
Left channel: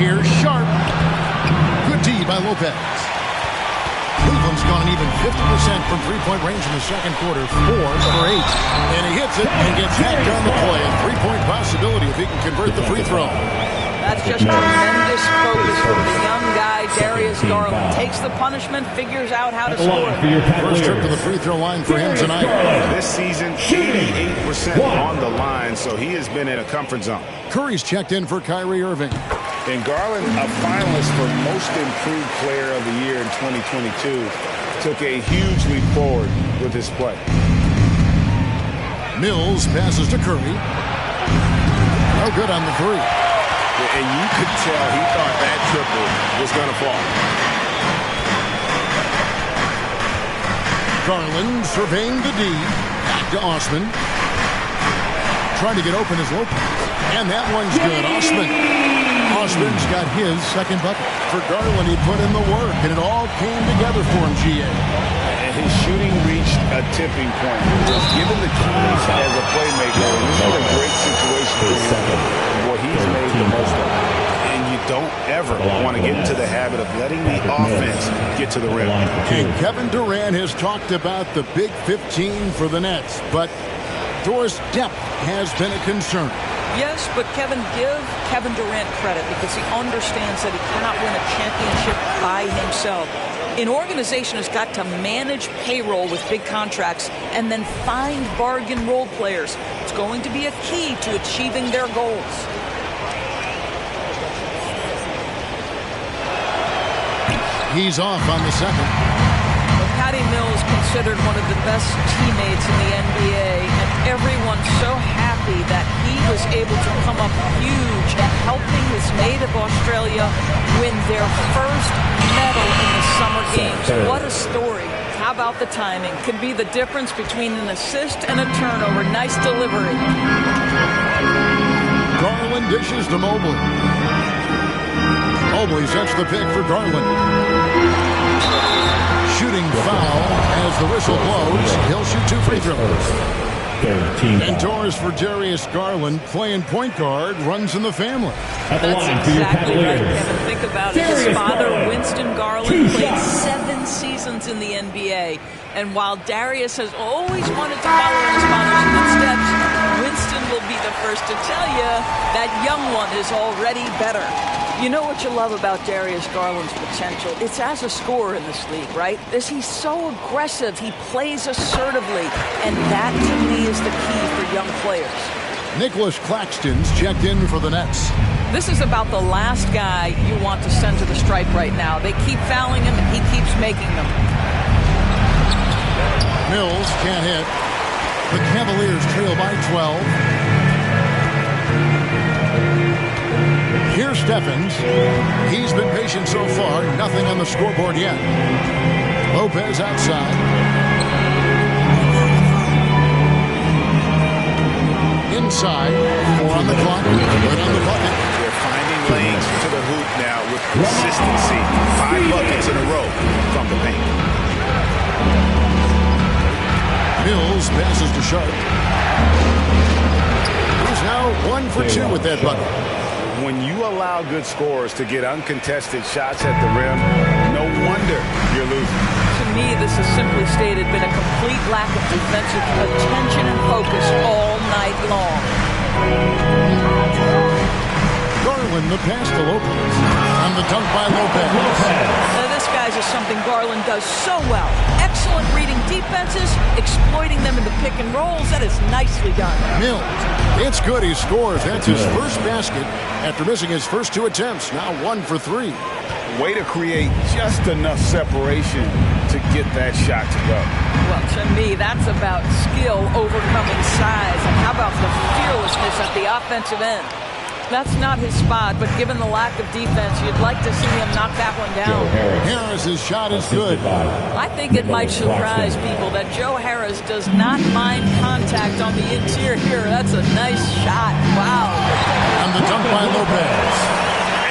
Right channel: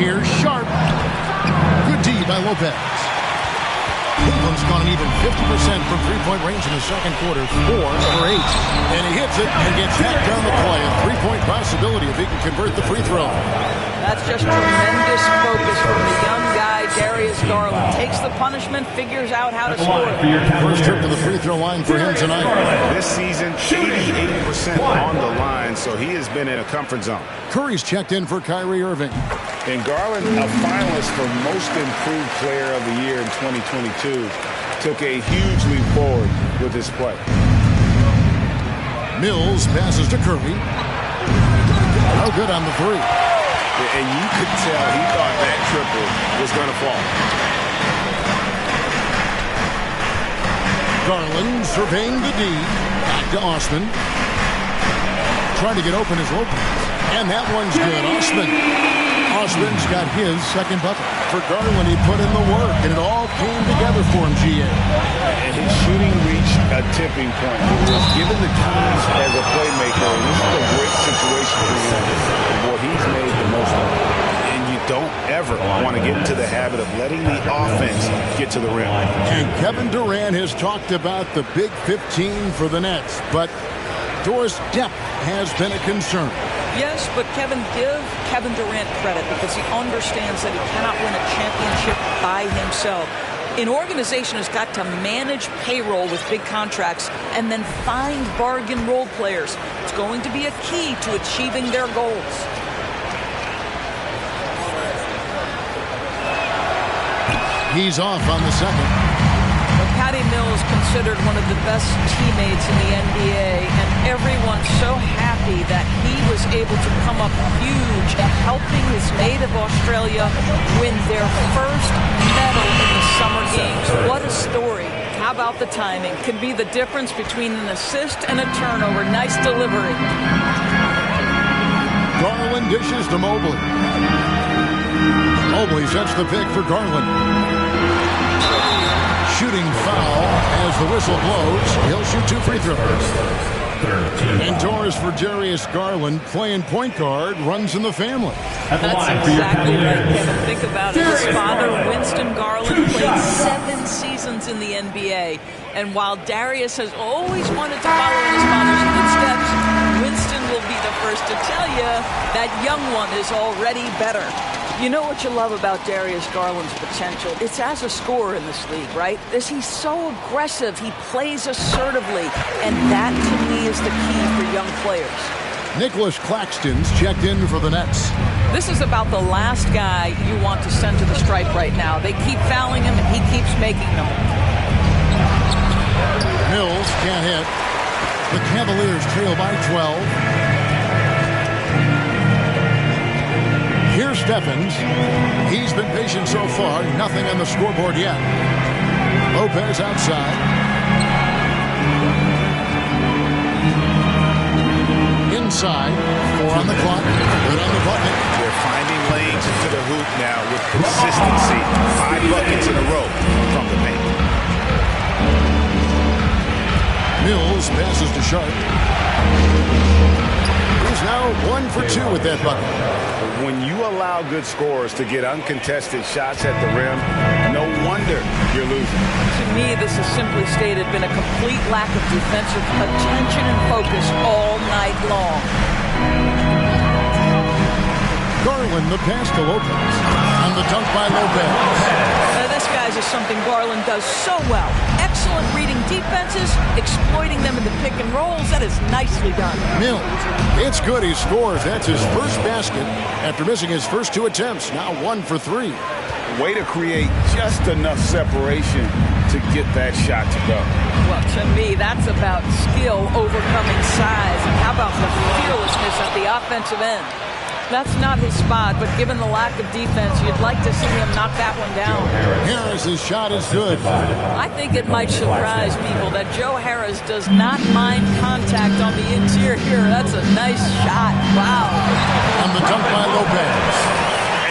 Here's Sharp. Good D by Lopez. Cleveland's gone an even 50% from three-point range in the second quarter, 4 for 8. And he hits it and gets hacked on the play. A three-point possibility if he can convert the free throw. That's just tremendous focus from the young guy, Darius Garland. Takes the punishment, figures out how to score it. First trip to the free throw line for him tonight. This season, 88% on the line, so he has been in a comfort zone. Curry's checked in for Kyrie Irving. And Garland, a finalist for Most Improved Player of the Year in 2022, took a huge leap forward with his play. Mills passes to Curry. No good on the three. And you could tell he thought that triple was going to fall. Garland surveying the D. Back to Osman. Trying to get open as Lopez. And that one's good. Osman's got his second bucket. For Garland, he put in the work, and it all came together for him, G.A. And his shooting reached a tipping point. He was given the keys as a playmaker, and this is a great situation for him. And boy, he's made the most of it. And you don't ever want to get into the habit of letting the offense get to the rim. And Kevin Durant has talked about the Big 15 for the Nets, but Doris' depth has been a concern. Yes, but give Kevin Durant credit because he understands that he cannot win a championship by himself. An organization has got to manage payroll with big contracts and then find bargain role players. It's going to be a key to achieving their goals. He's off on the second. The Patty Mills considered one of the best teammates in the NBA, and everyone's so happy that he was able to come up huge and helping his native Australia win their first medal in the Summer Games. What a story. How about the timing? Could be the difference between an assist and a turnover. Nice delivery. Garland dishes to Mobley. Mobley sets the pick for Garland. Shooting foul as the whistle blows. He'll shoot 2 free throws. Indoors for Darius Garland, playing point guard, runs in the family. That's exactly right, Kevin. Think about it. His father, Winston Garland, played 7 seasons in the NBA. And while Darius has always wanted to follow in his father's footsteps, Winston will be the first to tell you that young one is already better. You know what you love about Darius Garland's potential? It's as a scorer in this league, right? He's so aggressive. He plays assertively. And that, to me, is the key for young players. Nicholas Claxton's checked in for the Nets. This is about the last guy you want to send to the stripe right now. They keep fouling him, and he keeps making them. Mills can't hit. The Cavaliers trail by 12. Here's Stephens. He's been patient so far. Nothing on the scoreboard yet. Lopez outside. Inside. 4 on the clock. Good on the bucket. They're finding lanes to the hoop now with consistency. 5 buckets in a row from the paint. Mills passes to Sharp. He's now 1 for 2 with that bucket. When you allow good scorers to get uncontested shots at the rim, no wonder you're losing. To me, this has simply stated been a complete lack of defensive attention and focus all night long. Garland, the pass to Lopez. And the dunk by Lopez. This guy's is something Garland does so well. Excellent reading defenses, exploiting them in the pick and rolls. That is nicely done. Mills. It's good. He scores. That's his first basket after missing his first 2 attempts. Now 1 for 3. Way to create just enough separation to get that shot to go. Well, to me, that's about skill overcoming size. And how about the fearlessness at the offensive end? That's not his spot, but given the lack of defense, you'd like to see him knock that one down. Harris's shot is good. I think it might surprise people that Joe Harris does not mind contact on the interior here. That's a nice shot. Wow. And the dunk by Lopez.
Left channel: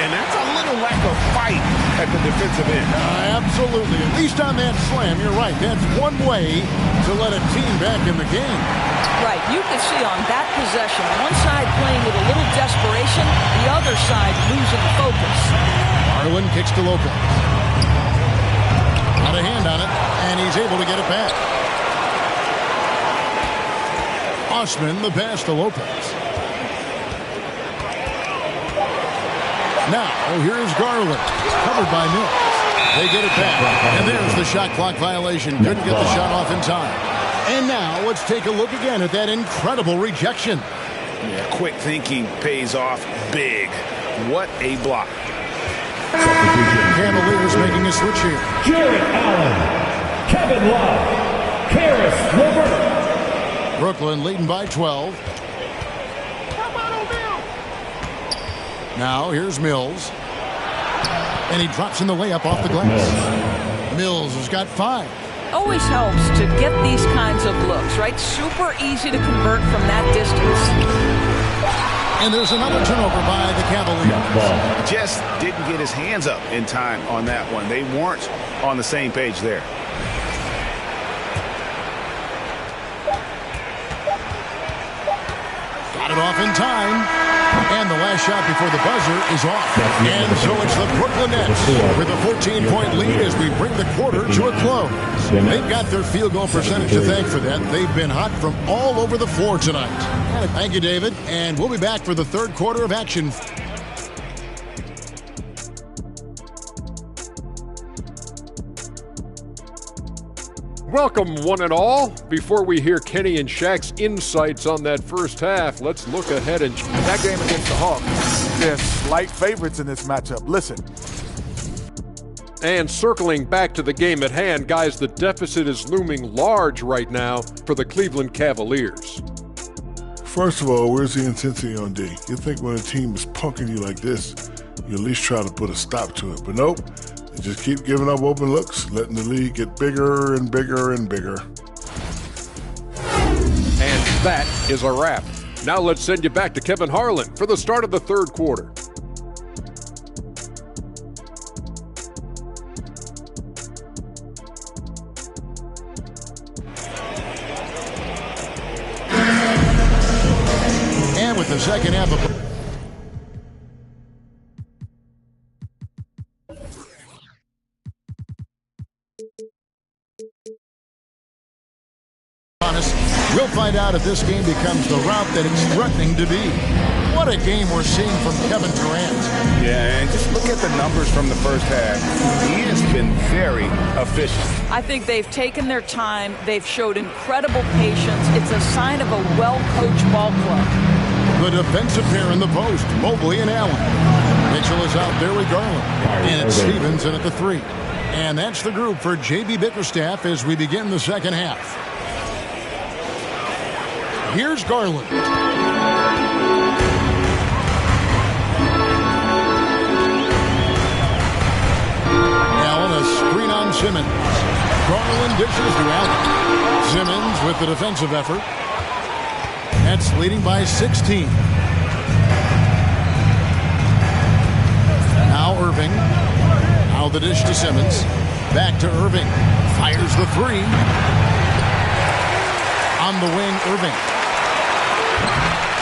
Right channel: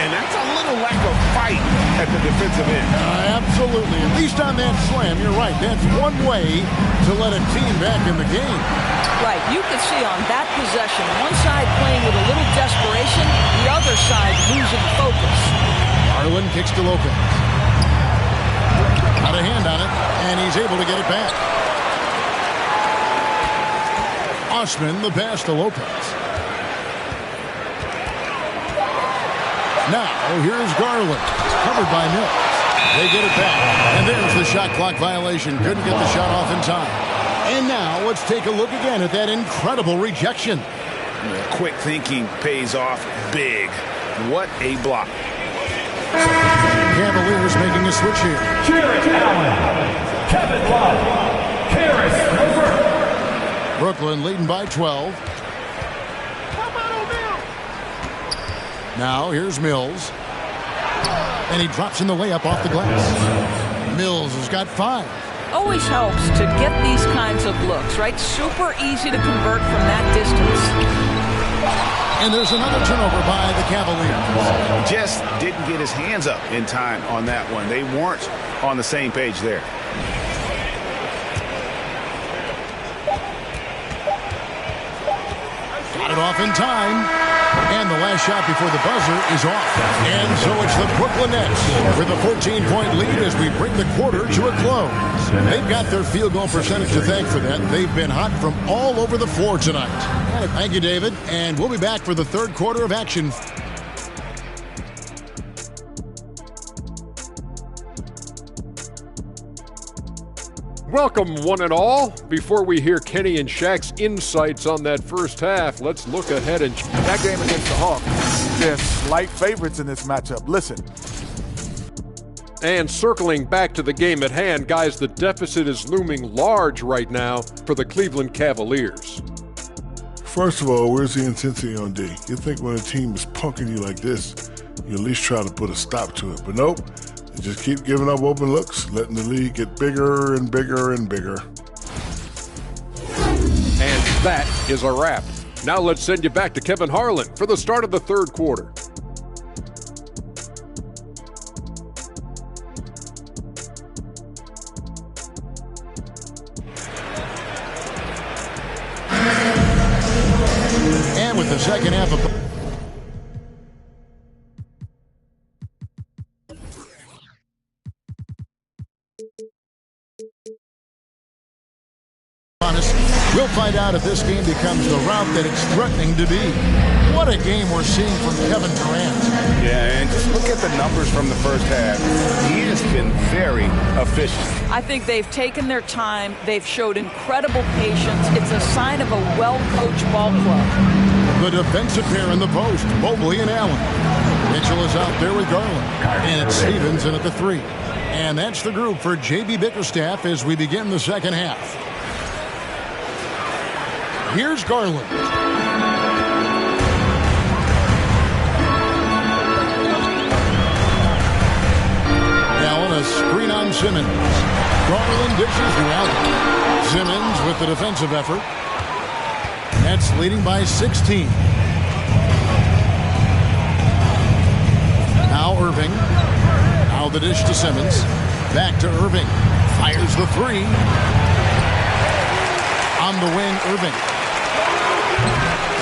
And that's a little lack of fight at the defensive end. Absolutely. At least on that slam, you're right. That's one way to let a team back in the game. Right. You could see on that possession, one side playing with a little desperation, the other side losing focus. Garland kicks to Lopez. Got a hand on it, and he's able to get it back. Osman, the pass to Lopez. Now, here's Garland. Covered by Mills. They get it back. And there's the shot clock violation. Couldn't get the shot off in time. And now, let's take a look again at that incredible rejection. Yeah, quick thinking pays off big. What a block. Cavaliers making a switch here. Jarrett Allen, Kevin Love, Caris LeVert. Brooklyn leading by 12. Now, here's Mills. And he drops in the layup off the glass. Mills has got 5. Always helps to get these kinds of looks, right? Super easy to convert from that distance. And there's another turnover by the Cavaliers. Just didn't get his hands up in time on that one. They weren't on the same page there. Got it off in time. And the last shot before the buzzer is off. And so it's the Brooklyn Nets with a 14-point lead as we bring the quarter to a close. They've got their field goal percentage to thank for that. They've been hot from all over the floor tonight. Thank you, David. And we'll be back for the third quarter of action. Welcome, one and all. Before we hear Kenny and Shaq's insights on that first half, let's look ahead and that game against the Hawks. They're slight favorites in this matchup. Listen. And circling back to the game at hand, guys, the deficit is looming large right now for the Cleveland Cavaliers. First of all, where's the intensity on D? You think when a team is punking you like this, you at least try to put a stop to it. But nope, they just keep giving up open looks, letting the lead get bigger and bigger and bigger. And that is a wrap. Now let's send you back to Kevin Harlan for the start of the third quarter. And with the second half of we'll find out if this game becomes the route that it's threatening to be. What a game we're seeing from Kevin Durant. Yeah, and just look at the numbers from the first half. He has been very efficient. I think they've taken their time. They've showed incredible patience. It's a sign of a well-coached ball club. The defensive pair in the post, Mobley and Allen. Mitchell is out there with Garland. And it's Stevens in at the 3. And that's the group for J.B. Bickerstaff as we begin the second half. Here's Garland. Allen, a screen on Simmons. Garland dishes to Allen. Simmons with the defensive effort. Nets leading by 16. Now Irving. Now the dish to Simmons. Back to Irving. Fires the 3. On the wing, Irving.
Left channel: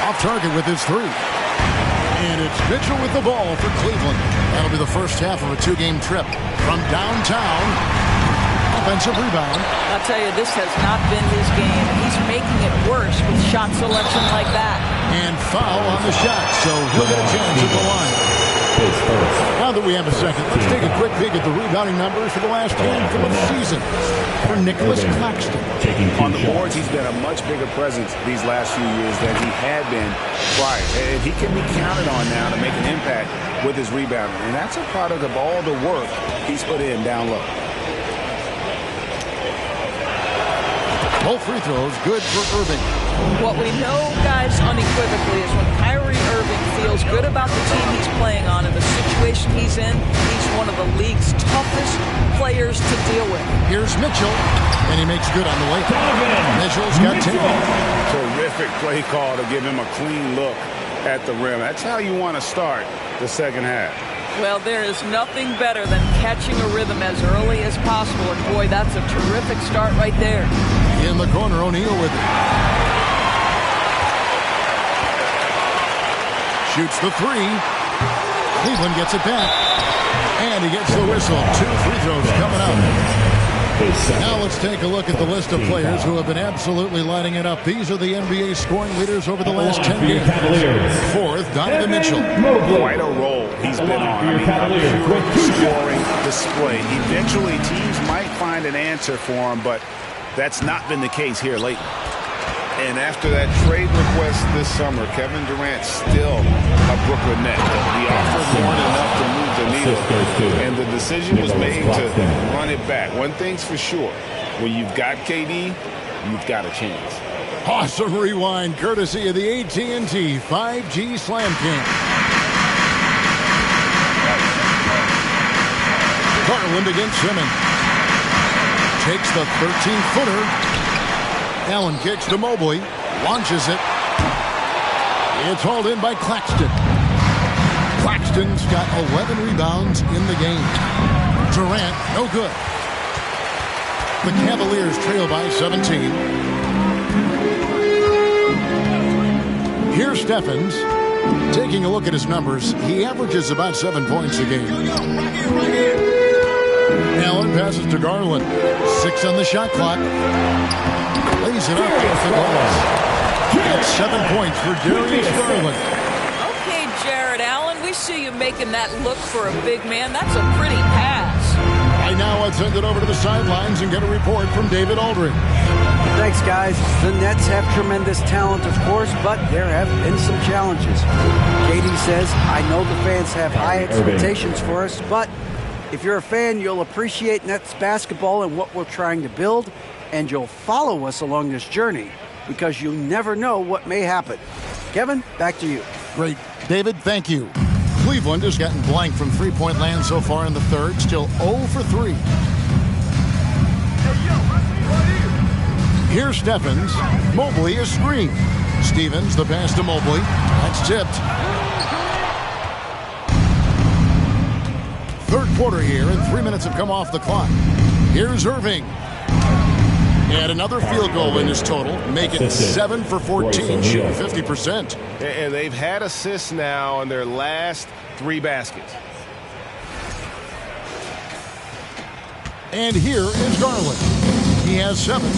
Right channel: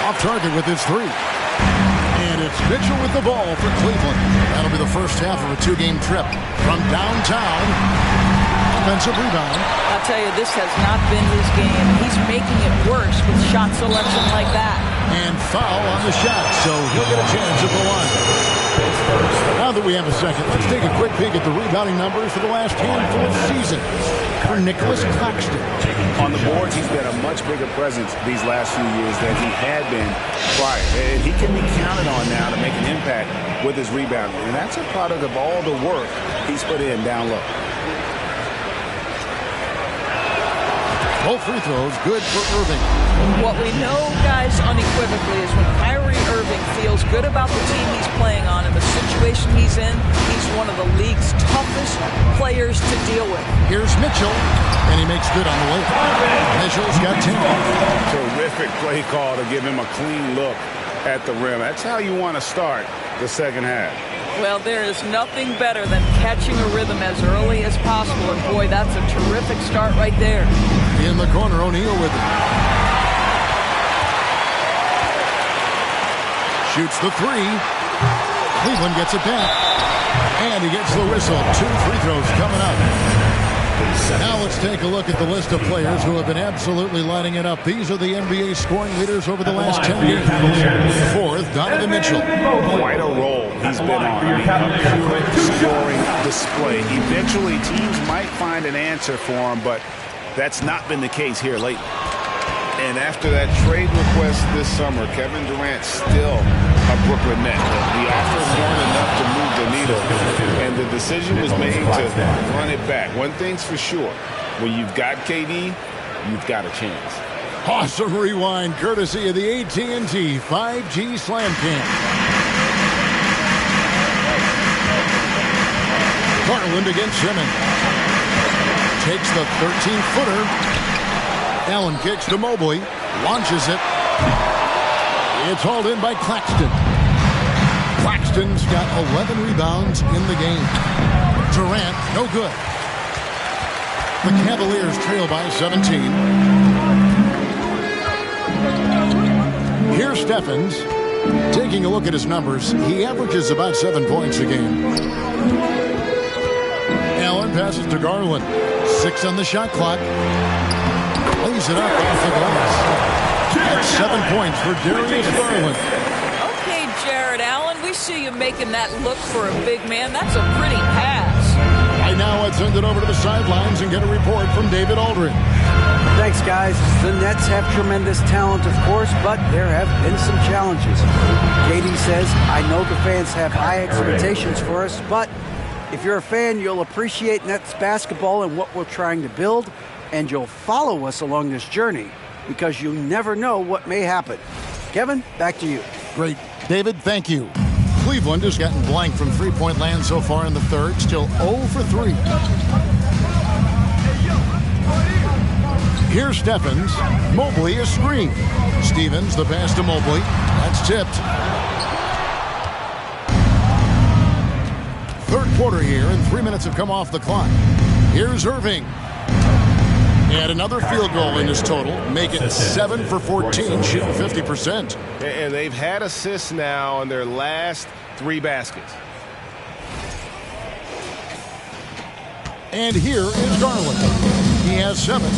Off target with his 3. And it's Mitchell with the ball for Cleveland. That'll be the first half of a 2-game trip. From downtown, offensive rebound. I'll tell you, this has not been his game. He's making it worse with shot selection like that. And foul on the shot, so he'll get a chance at the line. Now that we have a second, let's take a quick peek at the rebounding numbers for the last handful of seasons for Nicholas Claxton. On the boards, he's been a much bigger presence these last few years than he had been prior. And he can be counted on now to make an impact with his rebounding. And that's a product of all the work he's put in down low. Both free throws good for Irving. What we know, guys, unequivocally is when Kyrie Irving feels good about the team he's playing on and the situation he's in, he's one of the league's toughest players to deal with. Here's Mitchell, and he makes good on the layup. Mitchell's got 10. Terrific play call to give him a clean look at the rim. That's how you want to start the second half. Well, there is nothing better than catching a rhythm as early as possible, and boy, that's a terrific start right there. In the corner, O'Neal with it. Shoots the 3. Cleveland gets it back. And he gets the whistle. 2 free throws coming up. Now let's take a look at the list of players who have been absolutely lighting it up. These are the NBA scoring leaders over the last 10 games. Fourth, Donovan Mitchell. Quite a role he's been on. I mean, a pure scoring display. Eventually, teams might find an answer for him, but that's not been the case here lately. And after that trade request this summer, Kevin Durant still a Brooklyn Net. The offers weren't enough to move the needle, and the decision was made to run it back. One thing's for sure, when you've got KD, you've got a chance. Awesome rewind, courtesy of the AT&T 5G Slam Cam. Garland against Simmons. Takes the 13-footer. Allen kicks to Mobley, launches it. It's hauled in by Claxton. Claxton's got 11 rebounds in the game. Durant, no good. The Cavaliers trail by 17. Here's Steffens. Taking a look at his numbers, he averages about 7 points a game. Allen passes to Garland. 6 on the shot clock. Lays it up off the glass. That's 7 points for Darius Garland. Okay, Jared Allen, we see you making that look for a big man. That's a pretty pass. Right now, let's send it over to the sidelines and get a report from David Aldridge. Thanks, guys. The Nets have tremendous talent, of course, but there have been some challenges. KD says, I know the fans have high expectations for us, but If you're a fan, you'll appreciate Nets basketball and what we're trying to build, and you'll follow us along this journey because you never know what may happen. Kevin, back to you. Great. David, thank you. Cleveland has gotten blank from three-point land so far in the third, still 0 for 3. Here's Stephens. Mobley a screen. Stevens, the pass to Mobley. That's tipped. Third quarter here, and 3 minutes have come off the clock. Here's Irving. And another field goal in his total. Make it 7 for 14, shooting 50%. And they've had assists now on their last 3 baskets. And here is Garland. He has 7.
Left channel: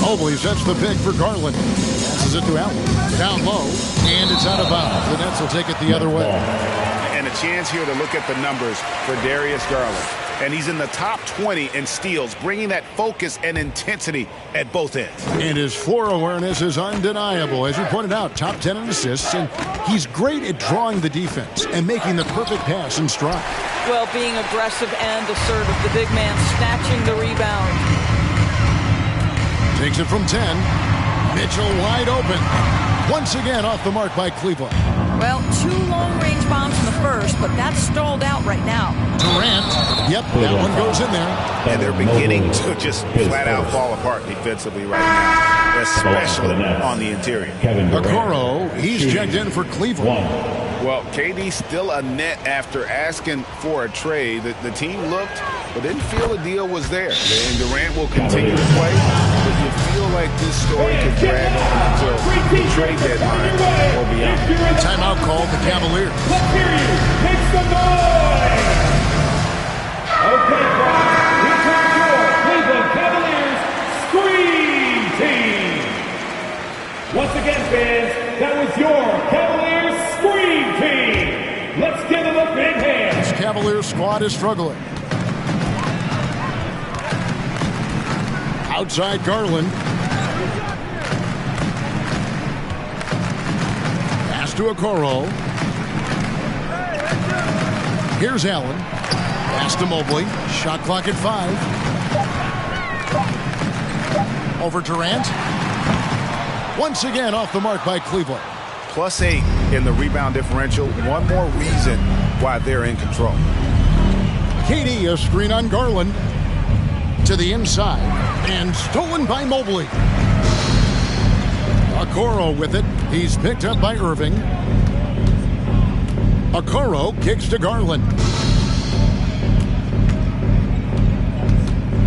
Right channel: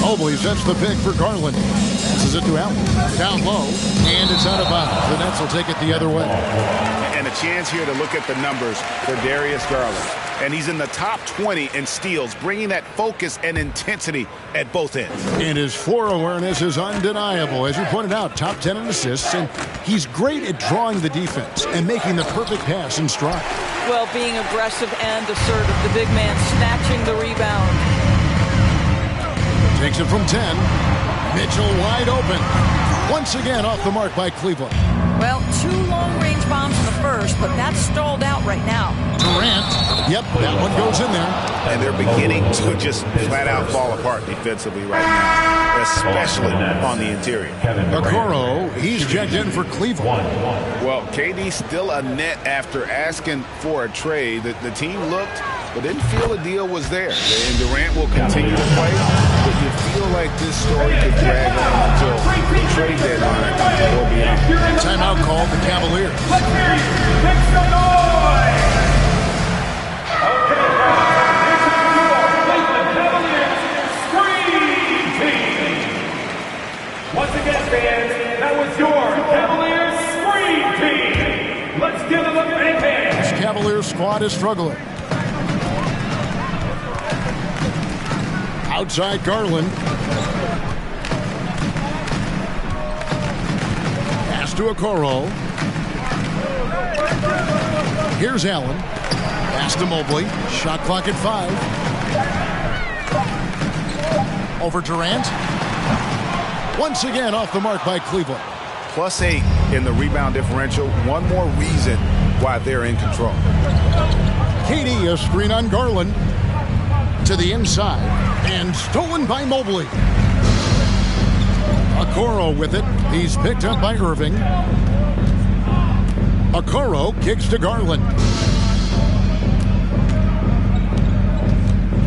Mobley sets the pick for Garland. Passes it to Allen. Down low, and it's out of bounds. The Nets will take it the other way. And a chance here to look at the numbers for Darius Garland. And he's in the top 20 in steals, bringing that focus and intensity at both ends. And his floor awareness is undeniable. As you pointed out, top 10 in assists, and he's great at drawing the defense and making the perfect pass in stride. Well, being aggressive and assertive, the big man snatching the rebound. Takes it from 10. Mitchell wide open. Once again off the mark by Cleveland. Well, 2 long-range bombs in the first, but that's stalled out right now. Durant. Yep, that one goes in there. And they're beginning to just flat-out fall apart defensively right now, especially on the interior. Okoro, he's checked in for Cleveland. Well, KD still a net after asking for a trade. The team looked, but didn't feel the deal was there. And Durant will continue to play, but you feel like this story could drag on until the trade deadline or beyond. Timeout called the Cavaliers. Let's hear you. Make some noise. Okay, here's your Cleveland Cavaliers Scream Team. Once again, fans, that was your Cavaliers Scream Team. Let's give them a big hand. This Cavaliers squad is struggling. Outside Garland. Pass to Okoro. Here's Allen. Pass to Mobley. Shot clock at 5. Over Durant. Once again off the mark by Cleveland. +8 in the rebound differential. One more reason why they're in control. KD, a screen on Garland. To the inside. And stolen by Mobley. Okoro with it. He's picked up by Irving. Okoro kicks to Garland.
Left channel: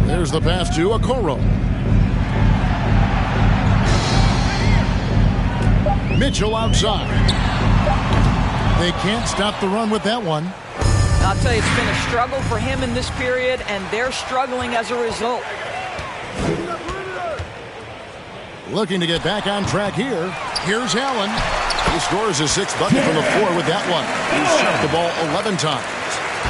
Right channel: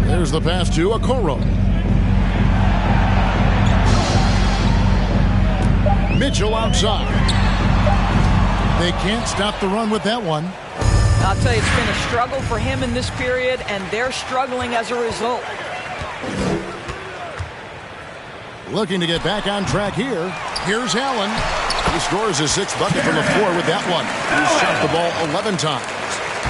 There's the pass to Okoro. Mitchell outside. They can't stop the run with that one. I'll tell you, it's been a struggle for him in this period, and they're struggling as a result. Looking to get back on track here. Here's Allen. He scores his 6th bucket from the floor with that one. He's shot the ball 11 times.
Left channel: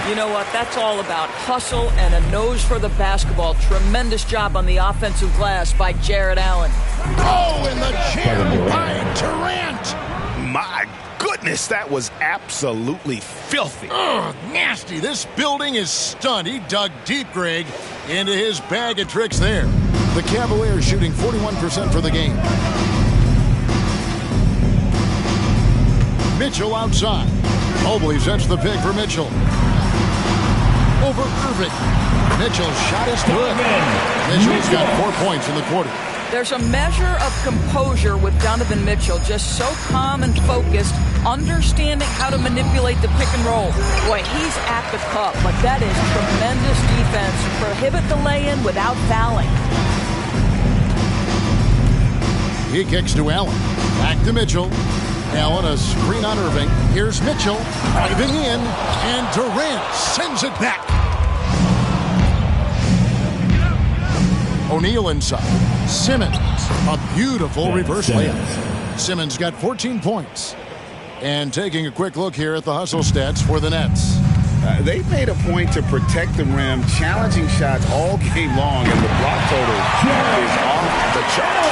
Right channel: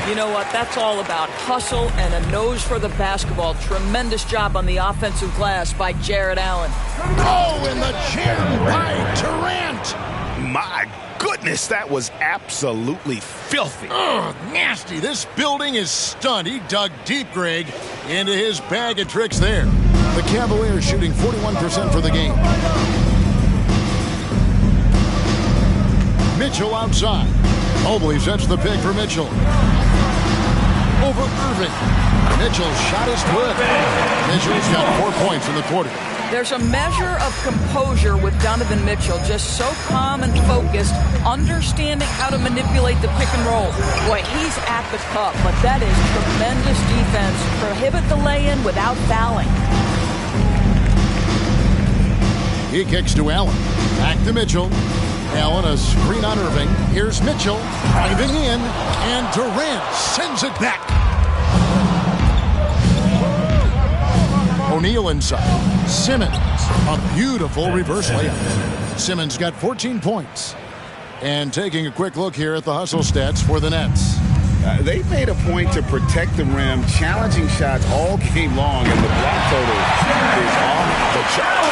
You know what? That's all about hustle and a nose for the basketball. Tremendous job on the offensive glass by Jared Allen. Oh, and the jam by Durant. My goodness, that was absolutely filthy. Ugh, nasty. This building is stunned. He dug deep, Greg, into his bag of tricks there. The Cavaliers shooting 41% for the game. Mitchell outside. Mobley sets the pick for Mitchell. Over Irving. Mitchell's shot is good. Mitchell's got 4 points in the quarter. There's a measure of composure with Donovan Mitchell, just so calm and focused, understanding how to manipulate the pick and roll. Boy, he's at the cup, but that is tremendous defense. Prohibit the lay-in without fouling. He kicks to Allen. Back to Mitchell. Allen, a screen on Irving. Here's Mitchell driving in, and Durant sends it back. O'Neal inside. Simmons, a beautiful reverse layup. Simmons got 14 points. And taking a quick look here at the hustle stats for the Nets. They've made a point to protect the rim, challenging shots all game long, and the block total is off the charts.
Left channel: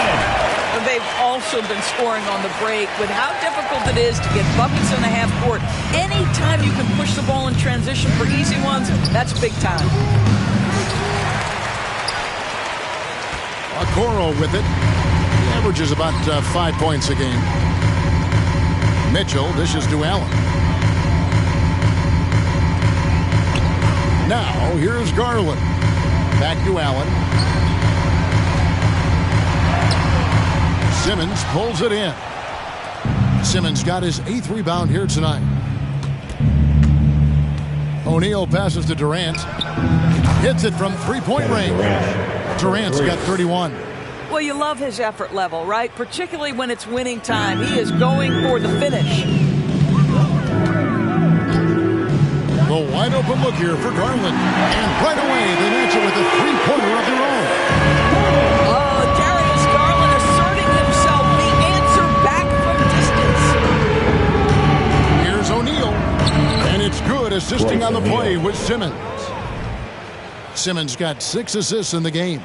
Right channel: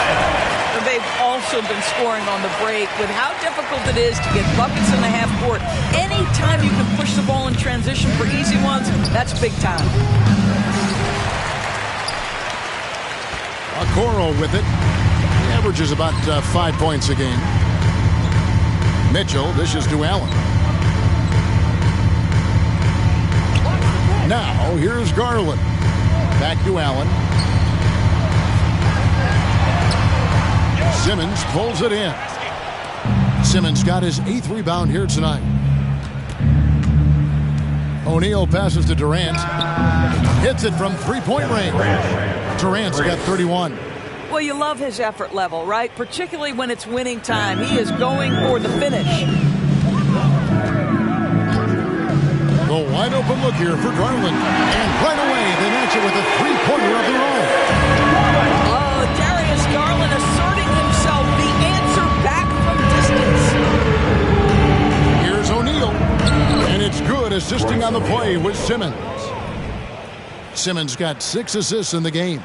They've also been scoring on the break. With how difficult it is to get buckets in the half court, anytime you can push the ball in transition for easy ones, that's big time. Okoro with it. He averages about 5 points a game. Mitchell dishes to Allen. Now, here's Garland. Back to Allen. Simmons pulls it in. Simmons got his 8th rebound here tonight. O'Neal passes to Durant. Hits it from three-point range. Durant's got 31. Well, you love his effort level, right? Particularly when it's winning time. He is going for the finish. The wide open look here for Garland. And right away, they match it with a three-pointer of their own. Oh, Darius Garland asserting himself, the answer back from distance. Here's O'Neal. And it's good, assisting on the play with Simmons. Simmons got 6 assists in the game.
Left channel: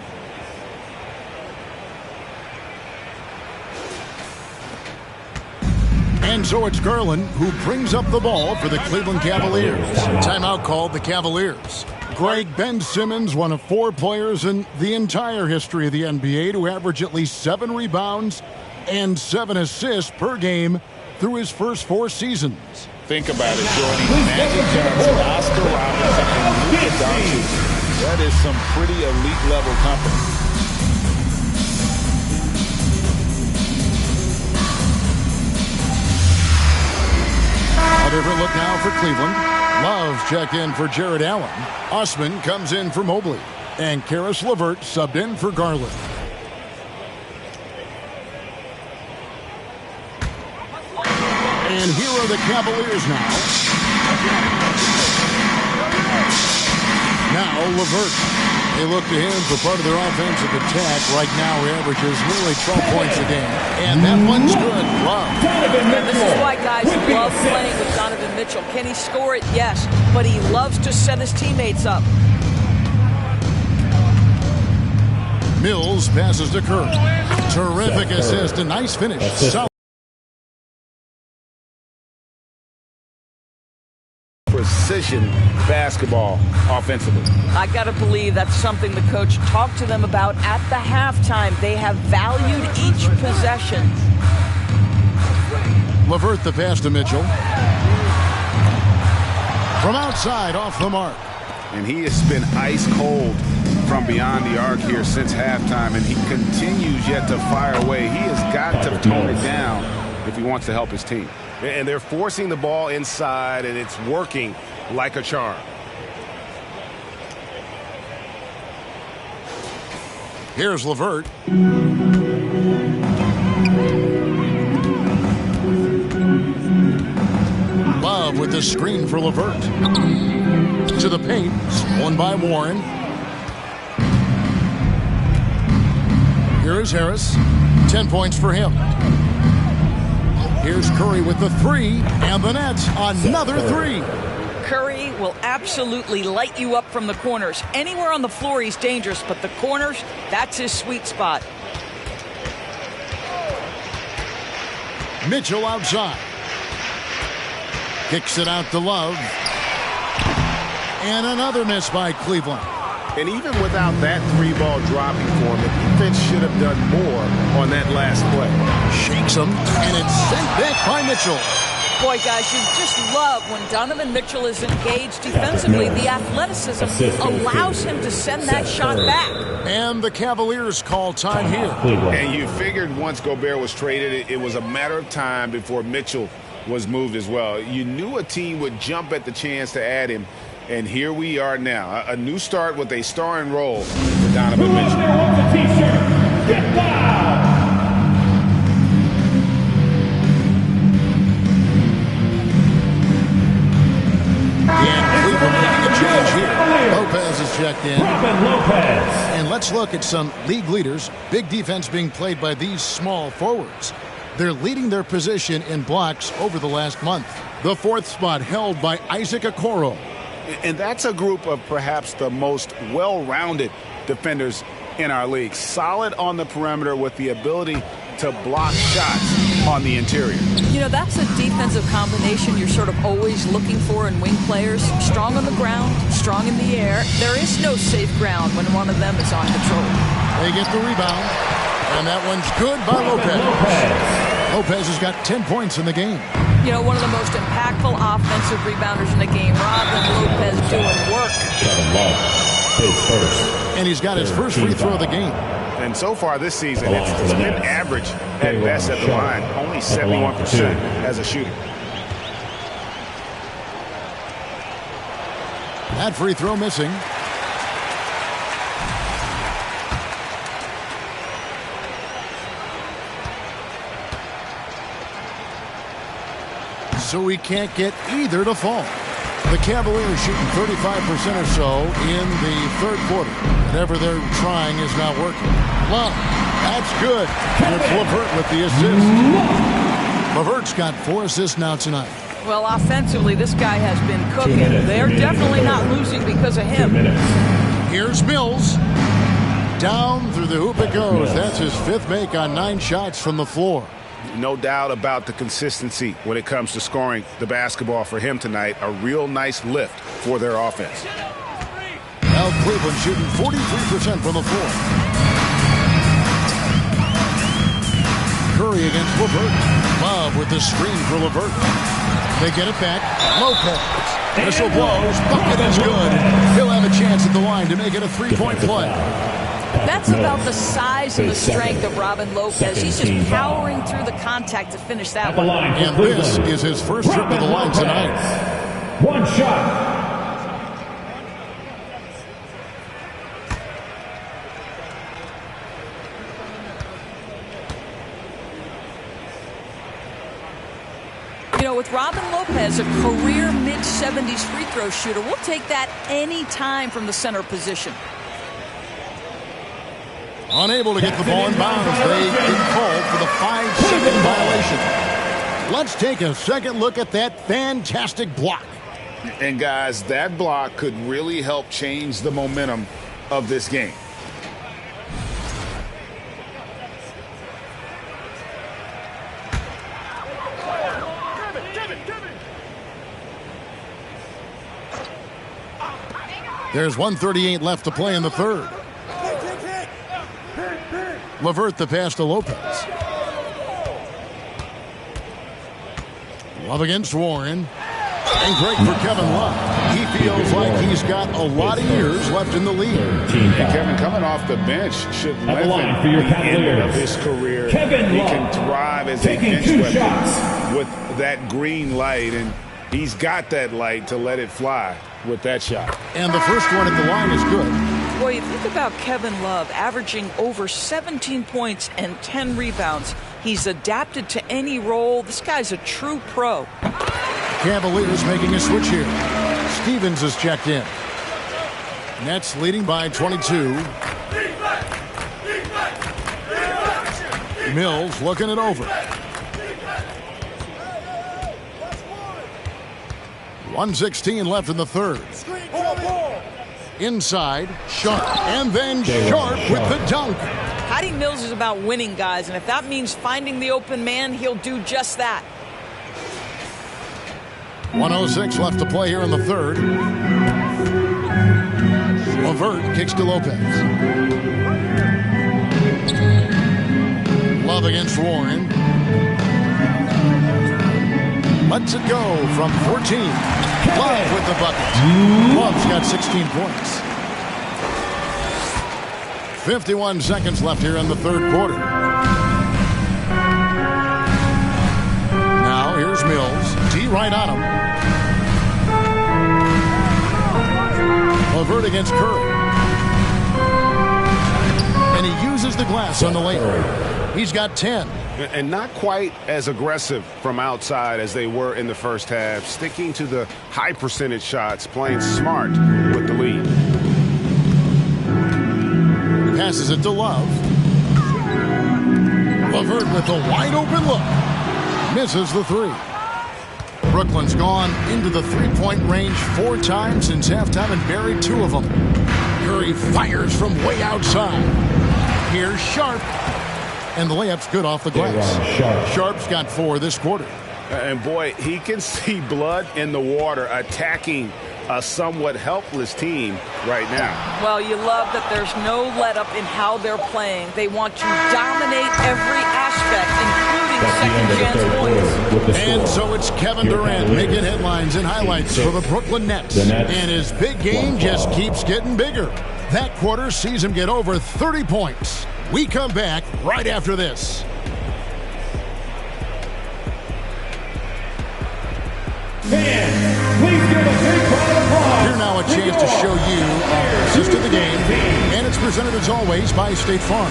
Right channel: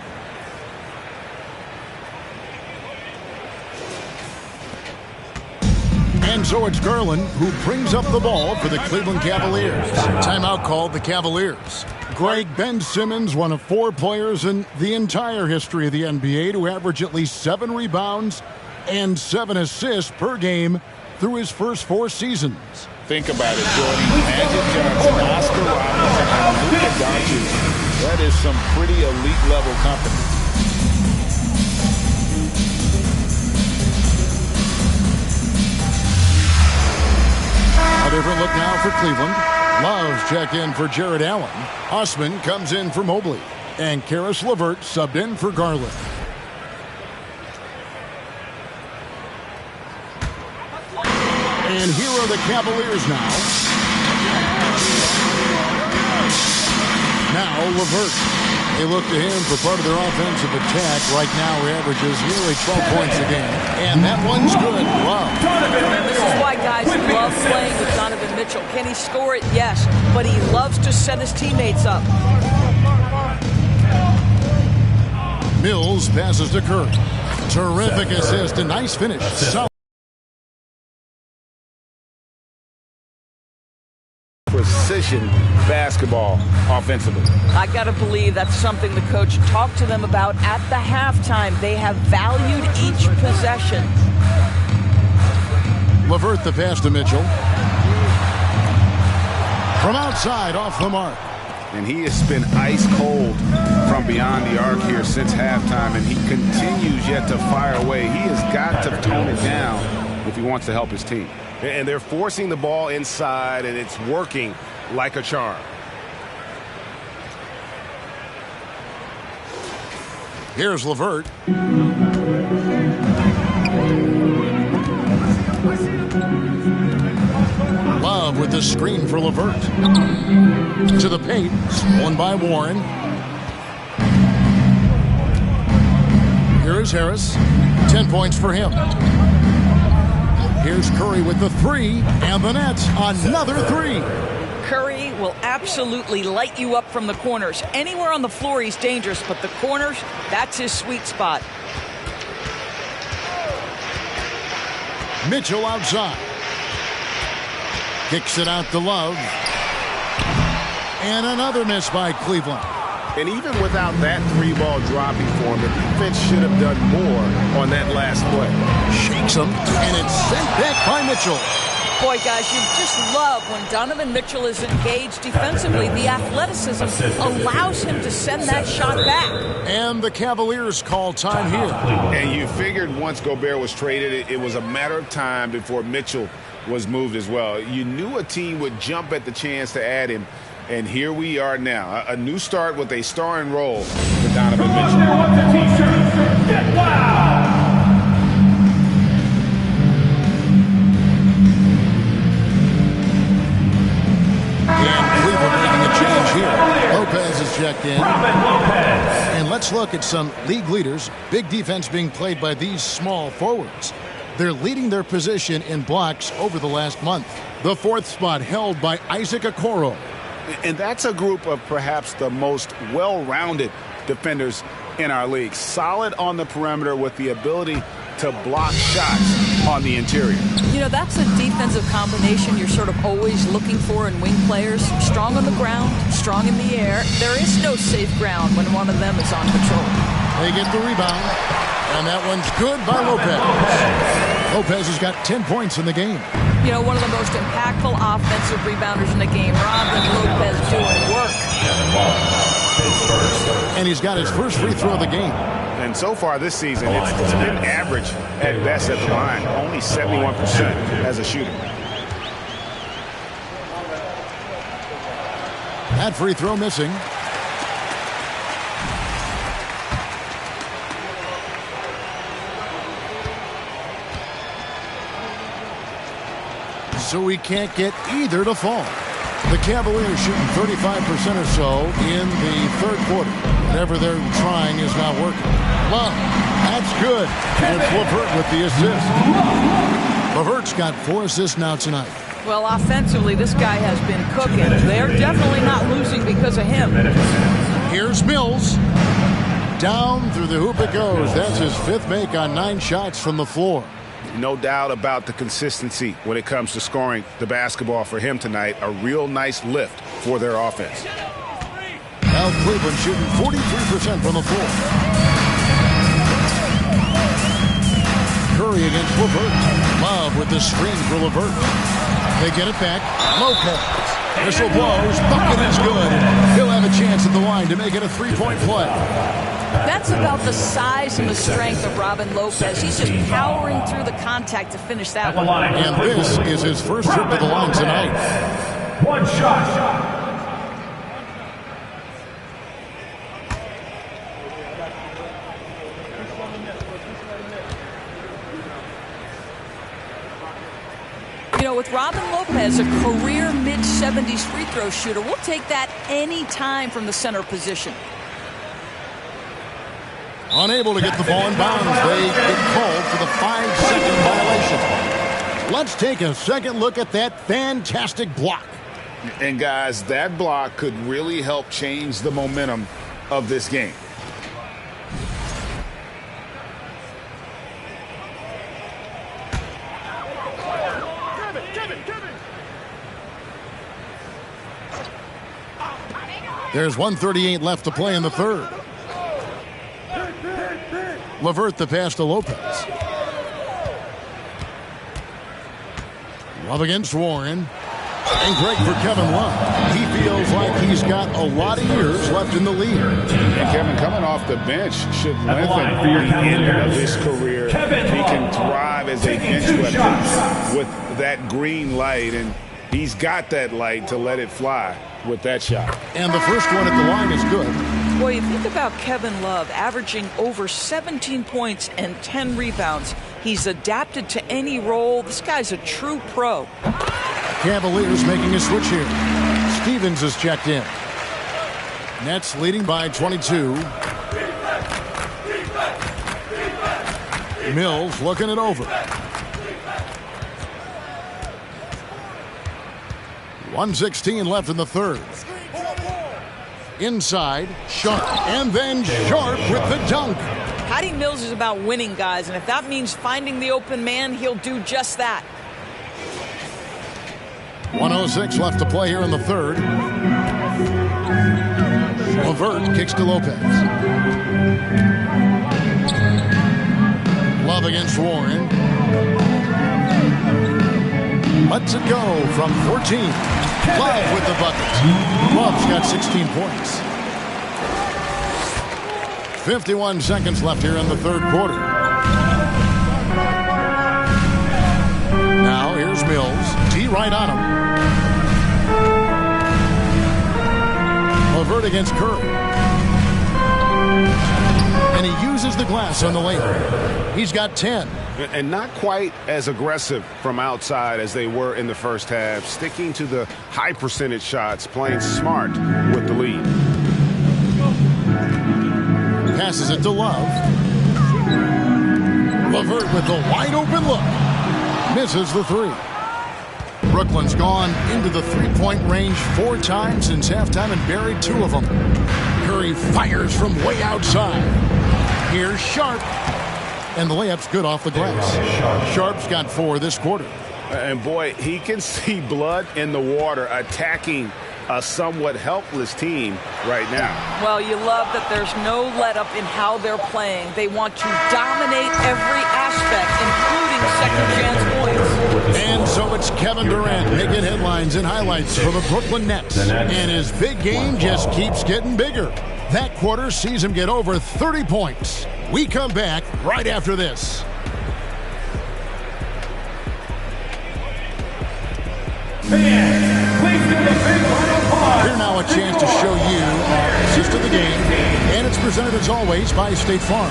And so it's Garland who brings up the ball for the Cleveland Cavaliers. Timeout called the Cavaliers. Greg, Ben Simmons, one of 4 players in the entire history of the NBA to average at least 7 rebounds and 7 assists per game through his first 4 seasons. Think about it, joining Magic Johnson, Oscar Robertson, and Luka Doncic. That is some pretty elite level company. A different look now for Cleveland. Love's checked in for Jared Allen. Osman comes in for Mobley. And Karis LeVert subbed in for Garland. And here are the Cavaliers now. Now LeVert. They look to him for part of their offensive attack. Right now, he averages nearly 12 points a game. And that one's good. Love. And this is why guys love playing with Donovan Mitchell. Can he score it? Yes. But he loves to set his teammates up. Mills passes to Curry. Terrific assist. A nice finish. Precision basketball offensively. I got to believe that's something the coach talked to them about at the halftime. They have valued each possession. LeVert the pass to Mitchell. From outside, off the mark. And he has been ice cold from beyond the arc here since halftime, and he continues yet to fire away. He has got to tone it down if he wants to help his team. And they're forcing the ball inside, and it's working like a charm. Here's LeVert. Love with the screen for LeVert. To the paint, stolen by Warren. Here is Harris. 10 points for him. Here's Curry with the 3, and the Nets another 3. Curry will absolutely light you up from the corners. Anywhere on the floor he's dangerous, but the corners, that's his sweet spot. Mitchell outside. Kicks it out to Love. And another miss by Cleveland. And even without that 3-ball dropping for him, the defense should have done more on that last play. Shakes him, and it's sent back by Mitchell. Boy, guys, you just love when Donovan Mitchell is engaged defensively. The athleticism allows him to send that shot back. And the Cavaliers call time here. And you figured once Gobert was traded, it was a matter of time before Mitchell was moved as well. You knew a team would jump at the chance to add him. And here we are now, a new start with a starring role for Donovan Mitchell. Wants a t-shirt. Get wild! And Cleveland making a change here. Lopez is checked in. Lopez. And let's look at some league leaders. Big defense being played by these small forwards. They're leading their position in blocks over the last month. The 4th spot held by Isaac Okoro. And that's a group of perhaps the most well-rounded defenders in our league. Solid on the perimeter with the ability to block shots on the interior. You know, that's a defensive combination you're sort of always looking for in wing players. Strong on the ground, strong in the air. There is no safe ground when one of them is on patrol. They get the rebound, and that one's good by Lopez. Lopez has got 10 points in the game. You know, one of the most impactful offensive rebounders in the game. Robin Lopez doing work. And he's got his first free throw of the game. And so far this season, it's been average at best at the line. Only 71% as a shooter. That free throw missing. So we can't get either to fall. The Cavaliers shooting 35% or so in the third quarter. Whatever they're trying is not working. Love, that's good. And it's LeVert with the assist. LeVert's got 4 assists now tonight. Well, offensively, this guy has been cooking. They're definitely not losing because of him. Here's Mills. Down through the hoop it goes. That's his 5th make on 9 shots from the floor. No doubt about the consistency when it comes to scoring the basketball for him tonight. A real nice lift for their offense. Now Cleveland shooting 43% from the floor. Curry against LeVert. Love with the screen for LeVert. They get it back. Lopez. Whistle blows. Bucket is good. He'll have a chance at the line to make it a 3-point play. That's about the size and the strength of Robin Lopez. He's just powering through the contact to finish that one. And this is his first trip to the line tonight. 1 shot. You know, with Robin Lopez, a career mid-70s free throw shooter, we'll take that any time from the center position. Unable to get the ball in bounds. They get called for the 5-second violation. Let's take a second look at that fantastic block. And guys, that block could really help change the momentum of this game. There's 1:38 left to play in the third. LeVert the pass to Lopez. Love against Warren. And great for Kevin Love. He feels like he's got a lot of years left in the league. And Kevin, coming off the bench, should lengthen the end of his career. He can thrive as a bench weapon with that green light, and he's got that light to let it fly with that shot. And the first one at the line is good. Boy, you think about Kevin Love averaging over 17 points and 10 rebounds. He's adapted to any role. This guy's a true pro. Cavaliers making a switch here. Stevens is checked in. Nets leading by 22. Mills looking it over. 1:16 left in the third. Inside, Sharp, and then Sharp with the dunk. Patty Mills is about winning, guys, and if that means finding the open man, he'll do just that. 1:06 left to play here in the third. LeVert kicks to Lopez. Love against Warren. Lets it go from 14. Love with the bucket. Love's got 16 points. 51 seconds left here in the third quarter. Now here's Mills. D right on him. LeVert against Curry. And he uses the glass on the layup. He's got 10. And not quite as aggressive from outside as they were in the first half. Sticking to the high percentage shots, playing smart with the lead. Passes it to Love. LeVert with the wide open look. Misses the three. Brooklyn's gone into the three-point range 4 times since halftime and buried 2 of them. Curry fires from way outside. Here's Sharp. and the layup's good off the glass. Sharp's got 4 this quarter. And boy, he can see blood in the water attacking a somewhat helpless team right now. Well, you love that there's no let-up in how they're playing. They want to dominate every aspect, including second-chance points. And so it's Kevin Durant making headlines and highlights for the Brooklyn Nets. And his big game just keeps getting bigger. That quarter sees him get over 30 points. We come back right after this. Fans, please give a big round of applause. Here now a chance to show you our assist of the game. And it's presented as always by State Farm.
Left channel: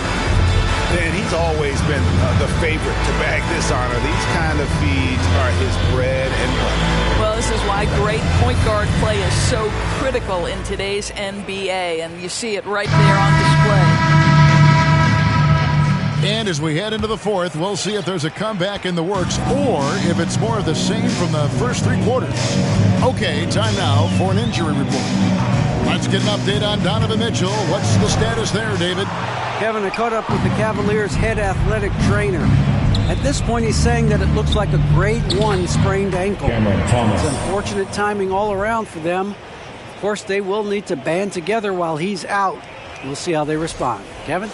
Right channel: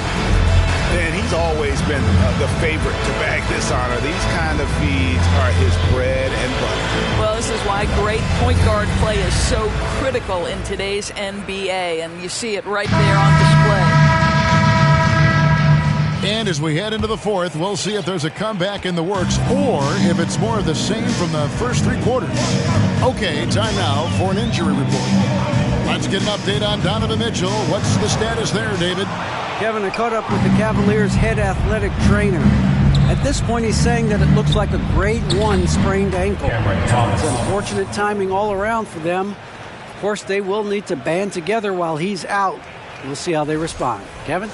And he's always been the favorite to bag this honor. These kind of feeds are his bread and butter. Well, this is why great point guard play is so critical in today's NBA. And you see it right there on display. And as we head into the fourth, we'll see if there's a comeback in the works or if it's more of the same from the first 3 quarters. Okay, time now for an injury report. Let's get an update on Donovan Mitchell. What's the status there, David? Kevin, I caught up with the Cavaliers' head athletic trainer. At this point, he's saying that it looks like a grade 1 sprained ankle. It's unfortunate timing all around for them. Of course, they will need to band together while he's out. We'll see how they respond. Kevin?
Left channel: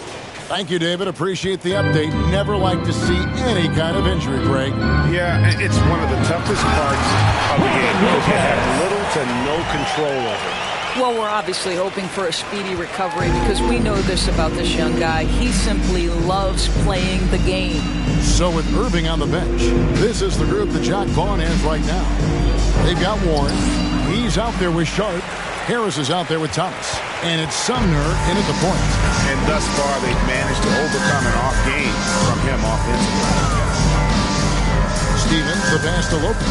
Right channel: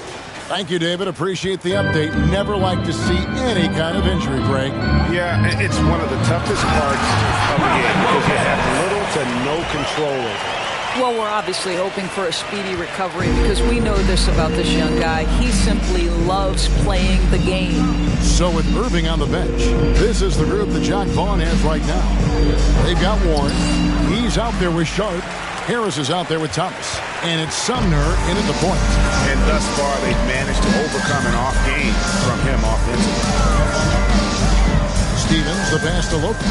Thank you, David. Appreciate the update. Never like to see any kind of injury, Greg. Yeah, it's one of the toughest parts of the game because you have little to no control over it. Well, we're obviously hoping for a speedy recovery because we know this about this young guy. He simply loves playing the game. So with Irving on the bench, this is the group that Jacque Vaughn has right now. They've got Warren. He's out there with Sharp. Harris is out there with Thomas. And it's Sumner in at the point. And thus far, they've managed to overcome an off game from him offensively. Stevens, the pass to Lopez.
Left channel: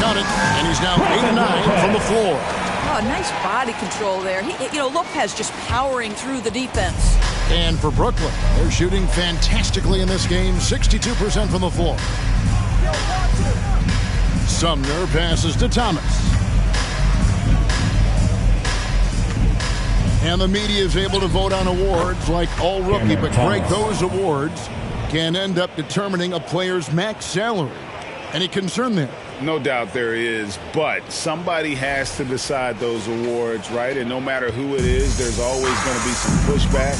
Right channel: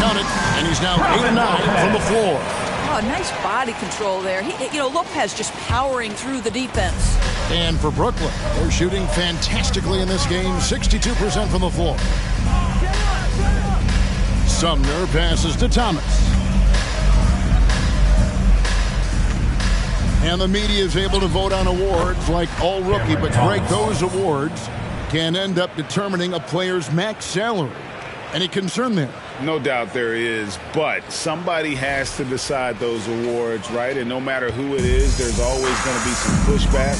Count it, and he's now 8 of 9 from the floor. Oh, nice body control there. Lopez just powering through the defense. And for Brooklyn, they're shooting fantastically in this game, 62% from the floor. Sumner passes to Thomas. And the media is able to vote on awards like all rookie, but Greg, those awards can end up determining a player's max salary. Any concern there? No doubt there is, but somebody has to decide those awards, right? And no matter who it is, there's always going to be some pushback.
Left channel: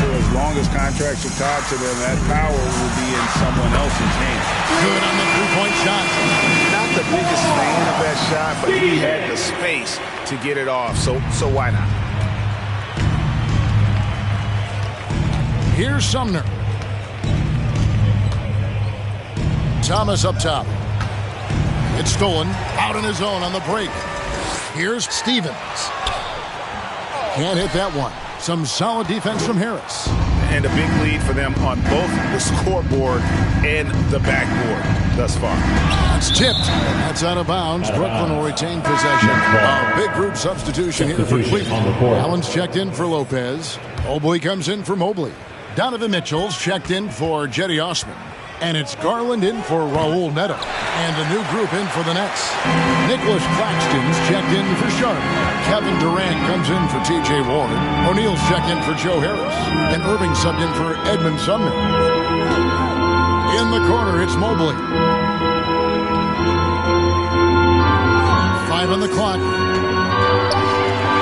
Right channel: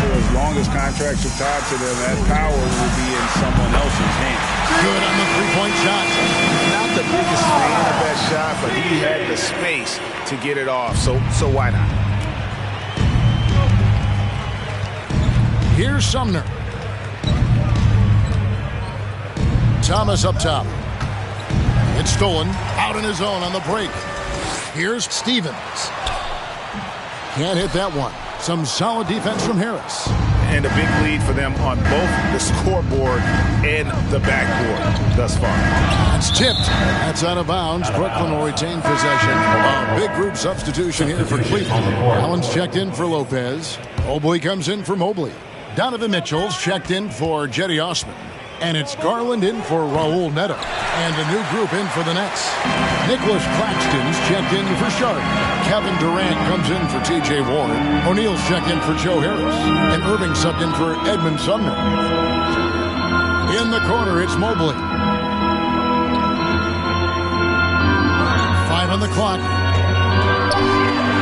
So as long as contracts are tied to them, that power will be in someone else's hands. Good on the three-point shot. Not the biggest fan of that shot, but he had the space to get it off, so why not? Here's Sumner. Thomas up top. It's stolen. Out on his own on the break. Here's Stevens. Can't hit that one. Some solid defense from Harris. And a big lead for them on both the scoreboard and the backboard thus far. That's tipped. That's out of bounds. Brooklyn will retain possession. A big group substitution here for Cleveland. Allen's checked in for Lopez. Mobley comes in for Mobley. Donovan Mitchell's checked in for Jetty Osman. And it's Garland in for Raul Neto. And a new group in for the Nets. Nicholas Claxton's checked in for Sharp. Kevin Durant comes in for T.J. Warren. O'Neal's checked in for Joe Harris. And Irving subbed in for Edmund Sumner. In the corner, it's Mobley. 5 on the clock.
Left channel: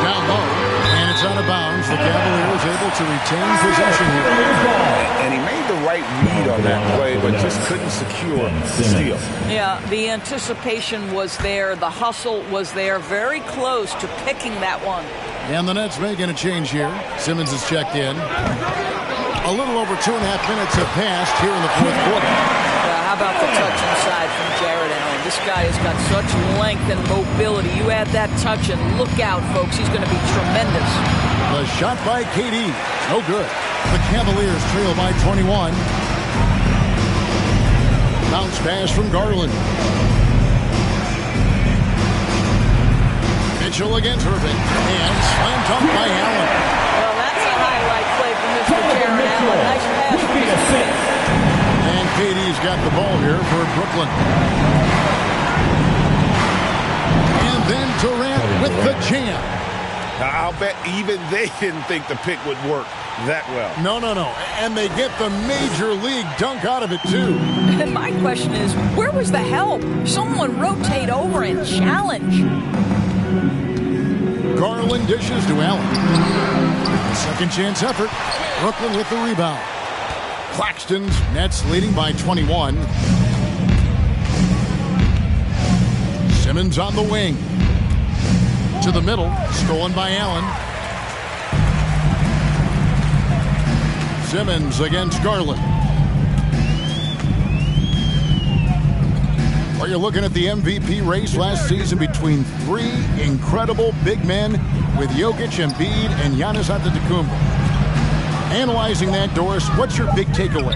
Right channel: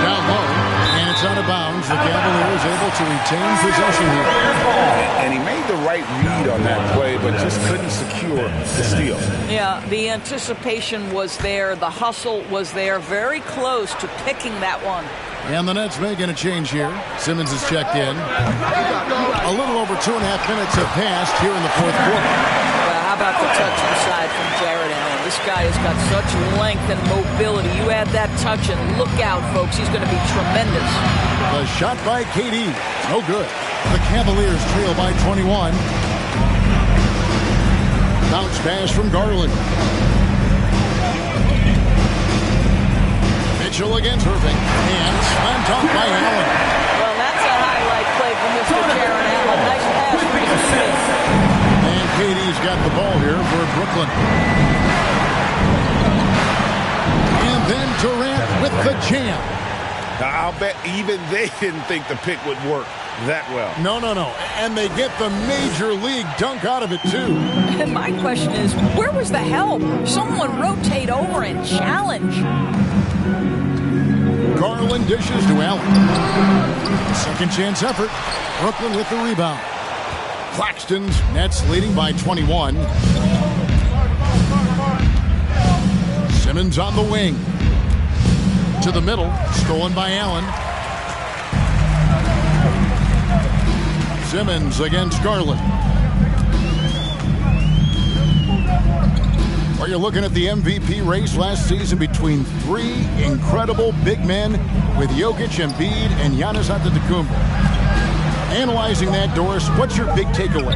Down low. And it's out of bounds. The Cavaliers able to retain possession here. And he made the right read on that play, but just couldn't secure the steal. Yeah, the anticipation was there. The hustle was there. Very close to picking that one. And the Nets making a change here. Simmons is checked in. A little over 2.5 minutes have passed here in the fourth quarter. Well, how about the touch inside from Jared Allen? This guy has got such length and mobility. You add that touch and look out, folks. He's going to be tremendous. The shot by KD. No good. The Cavaliers trail by 21. Bounce pass from Garland. Mitchell against Irving. And slam dunk by Allen. Well, that's a highlight play from Mr. Jared Allen. Nice pass from his teammate. And KD's got the ball here for Brooklyn. And then Durant with the jam. I'll bet even they didn't think the pick would work that well. No. And they get the major league dunk out of it, too. And my question is, where was the help? Someone rotate over and challenge. Garland dishes to Allen. Second chance effort. Brooklyn with the rebound. Claxton's Nets leading by 21. Simmons on the wing. To the middle. Stolen by Allen. Simmons against Garland. Well, you're looking at the MVP race last season between three incredible big men with Jokic, Embiid, and Giannis Antetokounmpo. Analyzing that, Doris, what's your big takeaway?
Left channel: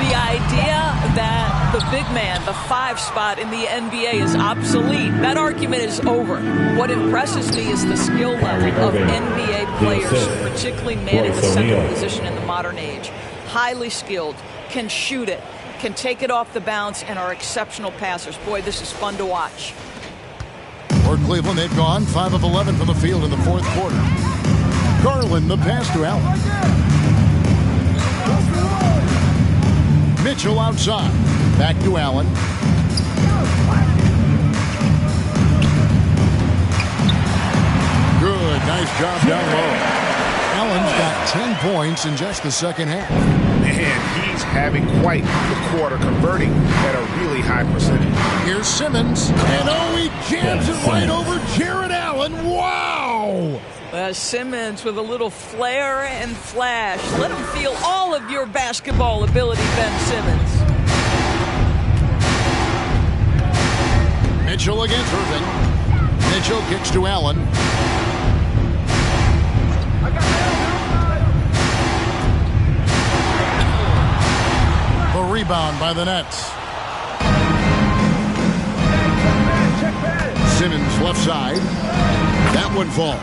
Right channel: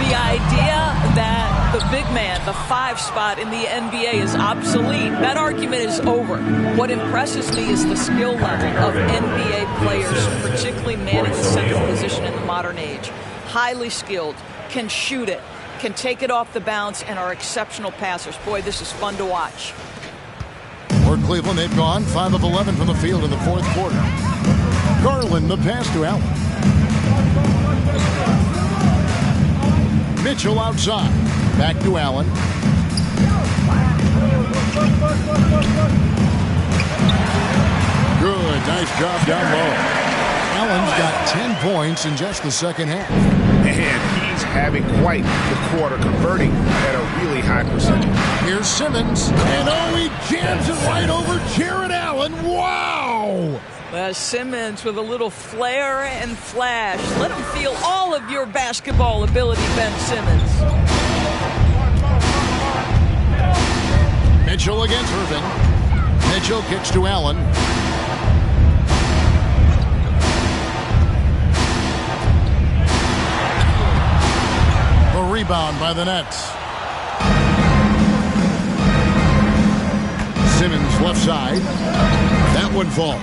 The idea that the big man, the 5 spot in the NBA is obsolete, that argument is over. What impresses me is the skill level of NBA players, particularly manning the central position in the modern age. Highly skilled, can shoot it, can take it off the bounce, and are exceptional passers. Boy, this is fun to watch. For Cleveland, they've gone 5 of 11 from the field in the fourth quarter. Garland, the pass to Allen. Mitchell outside. Back to Allen. Good. Nice job down low. Allen's got 10 points in just the second half. Man, he's having quite the quarter, converting at a really high percentage. Here's Simmons. And he jams it right over Jared Allen. Wow! Simmons with a little flair and flash. Let him feel all of your basketball ability, Ben Simmons. Mitchell against Irving. Mitchell kicks to Allen. The rebound by the Nets. Simmons left side. That one falls.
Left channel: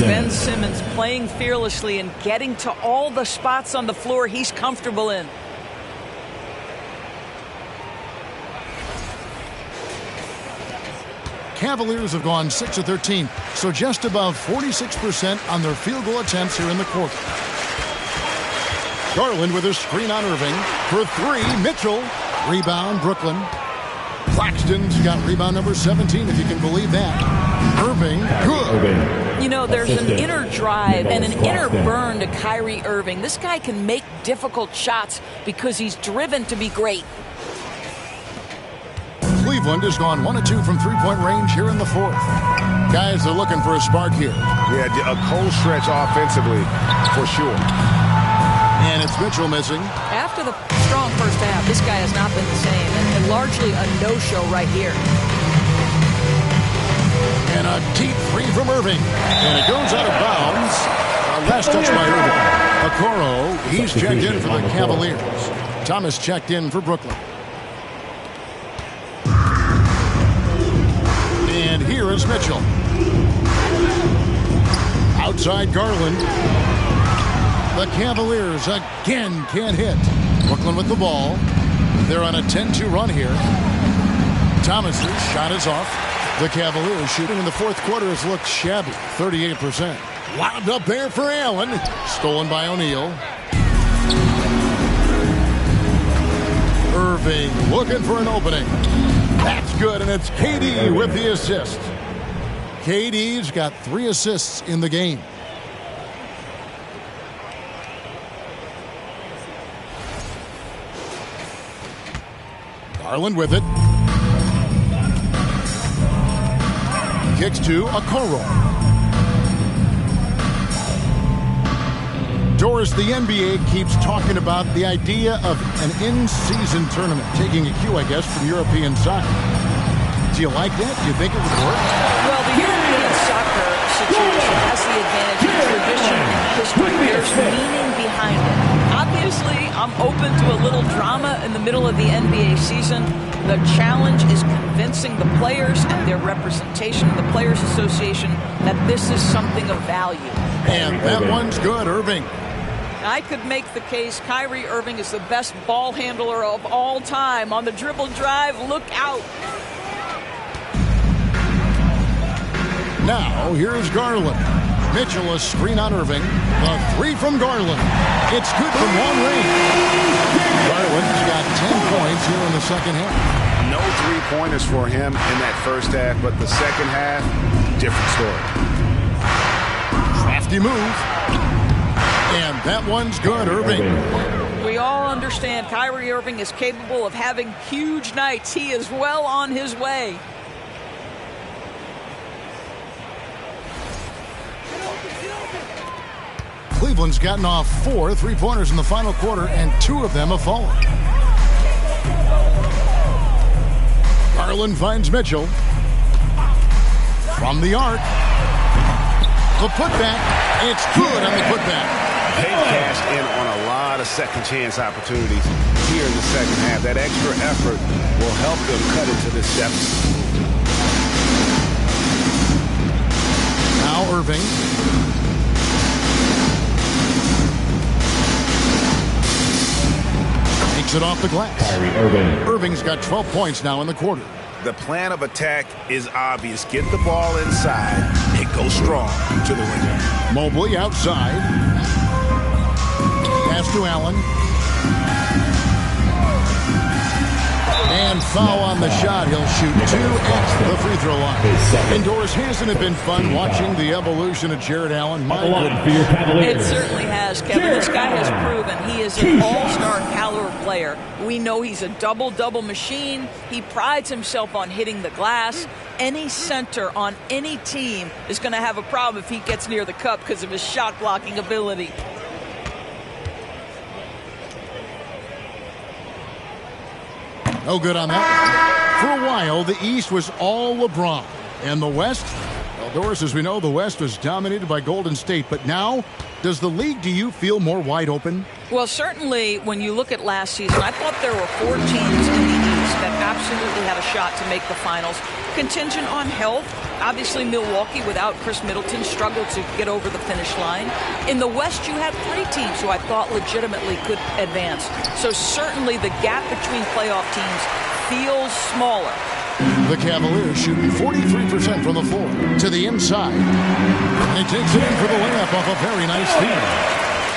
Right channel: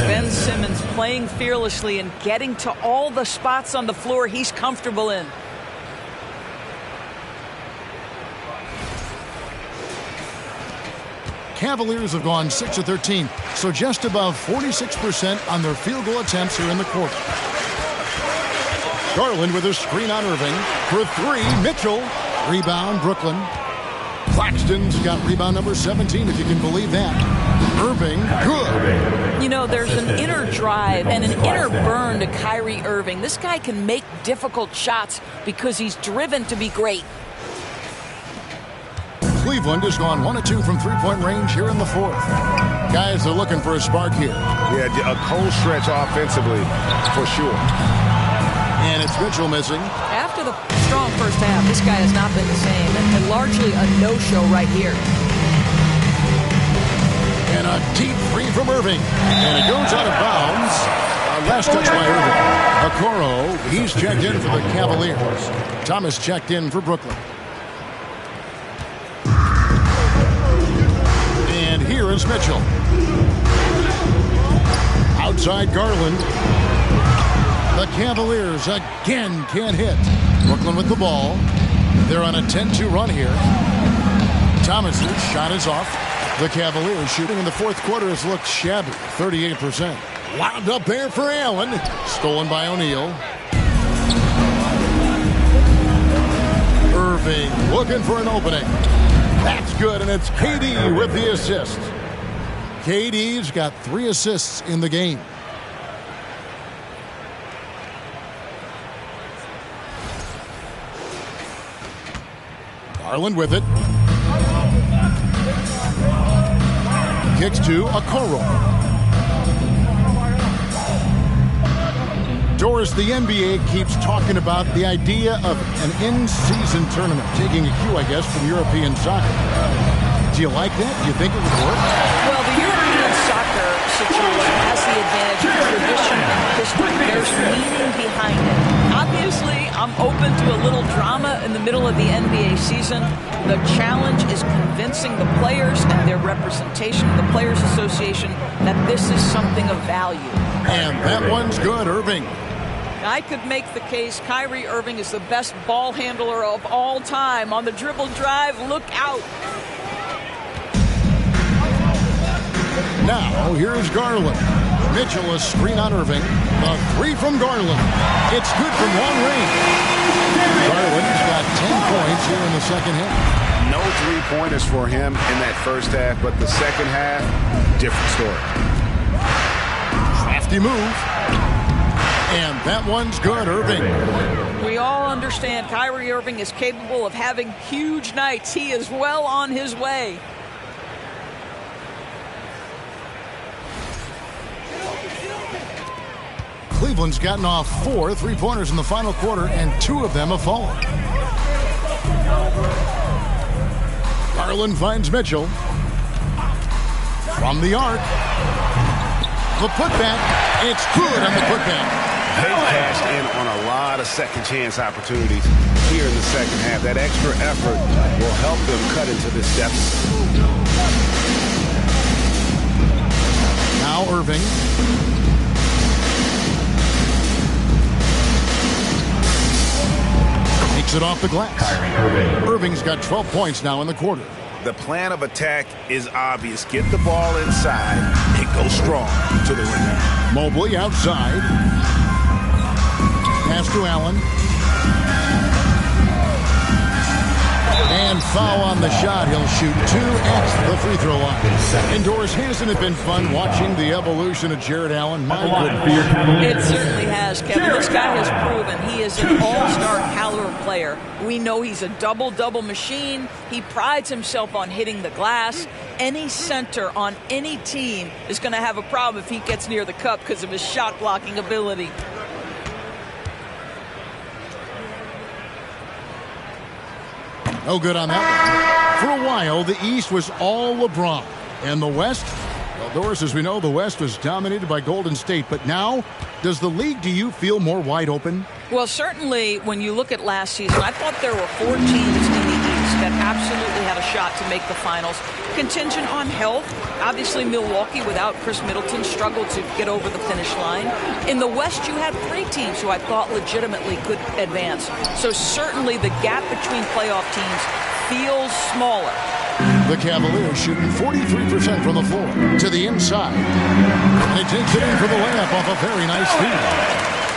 Ben Simmons playing fearlessly and getting to all the spots on the floor he's comfortable in. Cavaliers have gone 6 of 13, so just above 46% on their field goal attempts here in the quarter. Garland with a screen on Irving. For 3, Mitchell. Rebound, Brooklyn. Claxton's got rebound number 17, if you can believe that. Irving, good. You know, there's an inner drive and an inner burn to Kyrie Irving. This guy can make difficult shots because he's driven to be great. Cleveland has gone 1 of 2 from three-point range here in the fourth. Guys are looking for a spark here. Yeah, a cold stretch offensively for sure. And it's Mitchell missing. After the strong first half, this guy has not been the same, and largely a no-show right here. And a deep three from Irving. And it goes out of bounds. Last touch by Irving. Okoro, he's checked in for the Cavaliers. Thomas checked in for Brooklyn. And here is Mitchell. Outside Garland. The Cavaliers again can't hit. Brooklyn with the ball. They're on a 10-2 run here. Thomas's shot is off. The Cavaliers shooting in the fourth quarter has looked shabby, 38%. Wound up there for Allen. Stolen by O'Neal. Irving looking for an opening. That's good, and it's KD with the assist. KD's got 3 assists in the game. Garland with it. Kicks to Okoro. Doris, the NBA keeps talking about the idea of an in-season tournament, taking a cue, I guess, from European soccer. Do you like that? Do you think it would work? Well, the European soccer situation has the advantage of tradition and history. There's meaning behind it. Obviously, I'm open to a little drama in the middle of the NBA season. The challenge is convincing the players and their representation of the Players Association that this is something of value. And that one's good, Irving. I could make the case Kyrie Irving is the best ball handler of all time. On the dribble drive, look out. Now, here's Garland. Mitchell, a screen on Irving. The three from Garland. It's good from long range. Garland's got 10 points here in the second half. No three-pointers for him in that first half, but the second half, different story. Crafty move. And that one's good, Irving. We all understand Kyrie Irving is capable of having huge nights. He is well on his way. Cleveland's gotten off 4 3-pointers in the final quarter, and 2 of them have fallen. Garland finds Mitchell. From the arc. The putback. It's good on the putback. They've cashed in on a lot of second-chance opportunities here in the second half. That extra effort will help them cut into this deficit. Now Irving. Takes it off the glass. Irving's got 12 points now in the quarter. The plan of attack is obvious. Get the ball inside and go strong to the rim. Mobley outside. Pass to Allen. And foul on the shot. He'll shoot 2 at the free throw line. Indoors, hasn't it been fun watching the evolution of Jared Allen? My goodness. It certainly has, Kevin. This guy has proven he is an all-star caliber player. We know he's a double-double machine. He prides himself on hitting the glass. Any center on any team is going to have a problem if he gets near the cup because of his shot-blocking ability. No good on that one. For a while, the East was all LeBron. And the West? Well, Doris, as we know, the West was dominated by Golden State. But now, does the league, do you feel more wide open? Well, certainly when you look at last season, I thought there were 4 teams in the East that absolutely had a shot to make the finals. Contingent on health. Obviously, Milwaukee, without Chris Middleton, struggled to get over the finish line. In the West, you had 3 teams who I thought legitimately could advance. So certainly the gap between playoff teams feels smaller. The Cavaliers shooting 43% from the floor to the inside. And he takes it in for the layup off a very nice feed.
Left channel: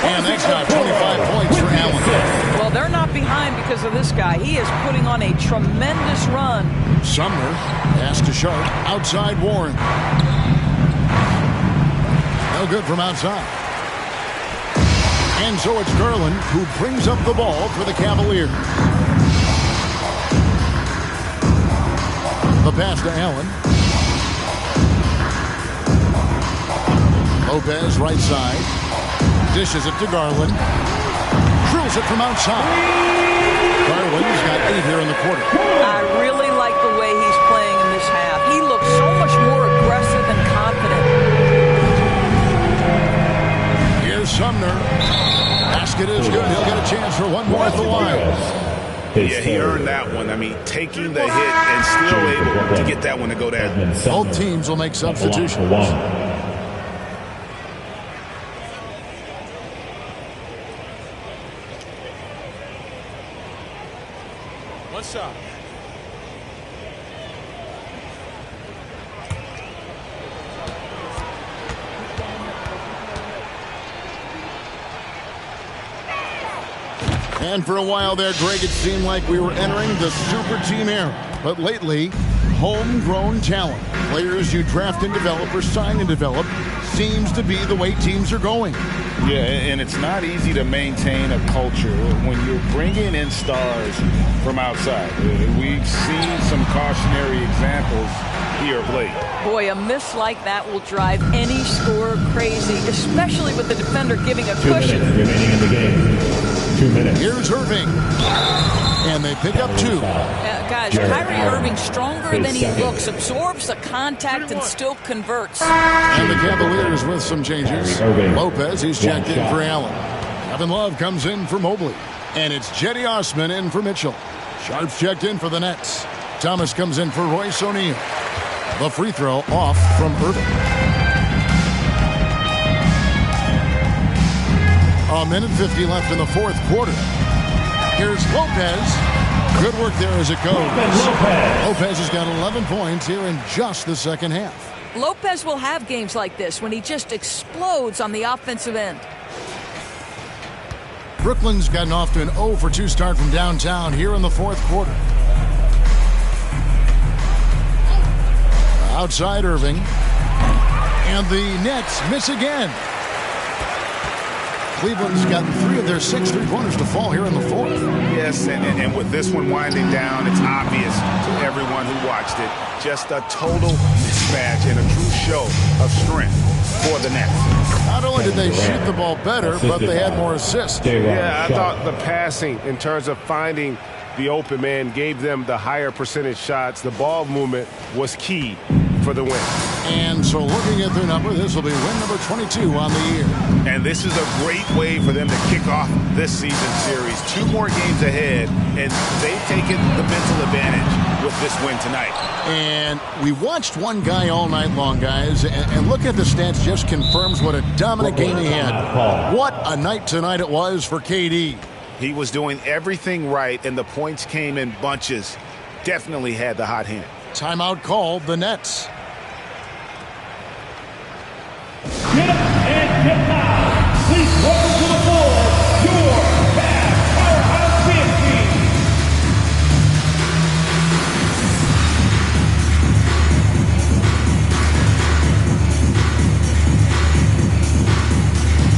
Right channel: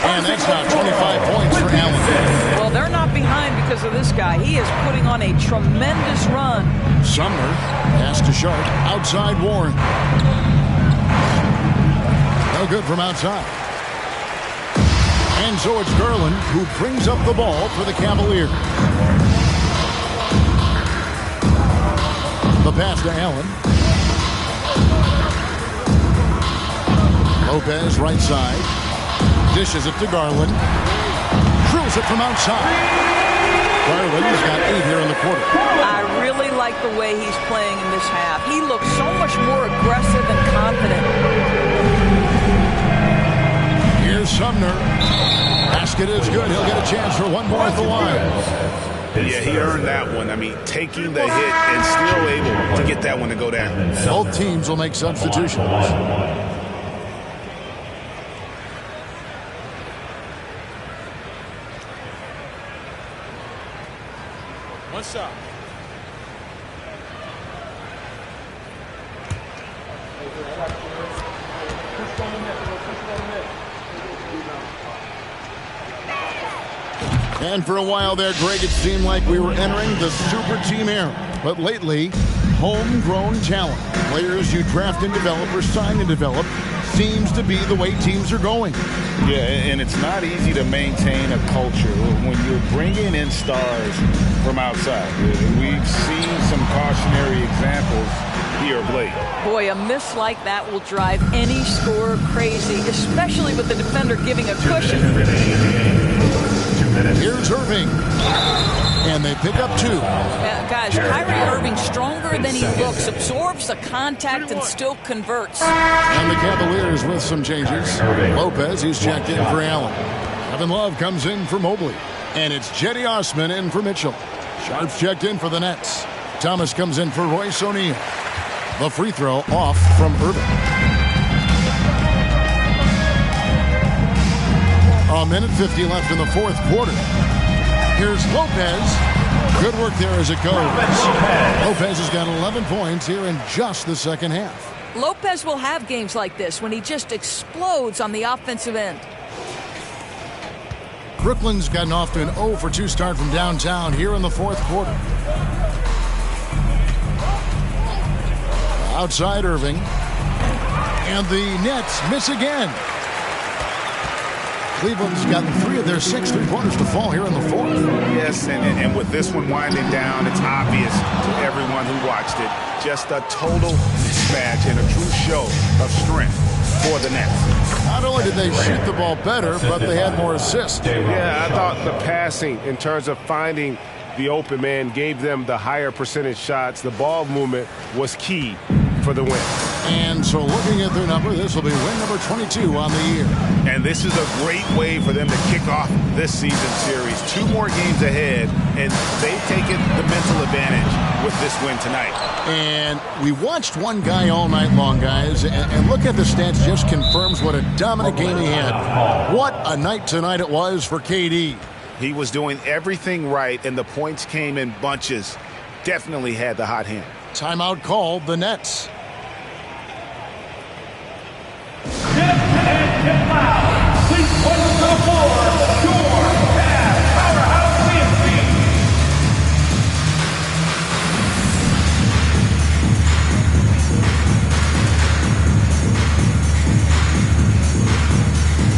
And that's now 25 points for Allen. Well, they're not behind because of this guy. He is putting on a tremendous run. Sumner, pass to Sharp, outside Warren. No good from outside. And so it's Garland who brings up the ball for the Cavaliers. The pass to Allen. Lopez right side. Dishes it to Garland. Drills it from outside. Garland's got 8 here in the quarter. I really like the way he's playing in this half. He looks so much more aggressive and confident. Here's Sumner. Basket is good. He'll get a chance for one more at the line. Yeah, he earned that one. I mean, taking the hit and still able to get that one to go down. Both teams will make substitutions. One shot. And for a while there, Greg, it seemed like we were entering the super team era. But lately, homegrown talent, players you draft and develop or sign and develop, seems to be the way teams are going. Yeah, and it's not easy to maintain a culture when you're bringing in stars from outside. We've seen some cautionary examples here of late. Boy, a miss like that will drive any scorer crazy, especially with the defender giving a cushion. 2 minutes remaining in the game. 2 minutes. Here's Irving. And they pick up 2. Guys, Kyrie Irving, stronger than he looks, absorbs the contact and still converts. And the Cavaliers with some changes. Lopez, he's checked in for Allen. Kevin Love comes in for Mobley. And it's Jetty Osman in for Mitchell. Sharp's checked in for the Nets. Thomas comes in for Royce O'Neal. The free throw off from Irving. A minute 50 left in the fourth quarter. Here's Lopez. Good work there as it goes. Lopez has got 11 points here in just the second half. Lopez will have games like this when he just explodes on the offensive end. Brooklyn's gotten off to an 0-for-2 start from downtown here in the fourth quarter. Outside Irving. And the Nets miss again. Cleveland's gotten 3 of their 6 3-pointers to fall here in the fourth. Yes, and with this one winding down, it's obvious to everyone who watched it. Just a total mismatch and a true show of strength for the Nets. Not only did they shoot the ball better, but they had more assists. Yeah, I thought the passing in terms of finding the open man gave them the higher percentage shots. The ball movement was key for the win. And so looking at their number, this will be win number 22 on the year. And this is a great way for them to kick off this season series. 2 more games ahead, and they've taken the mental advantage with this win tonight. And we watched one guy all night long, guys, and look at the stats, just confirms what a dominant game he had. What a night tonight it was for KD. He was doing everything right, and the points came in bunches. Definitely had the hot hand. Timeout called, the Nets. And get loud. Please welcome to the floor, your Cavs powerhouse team.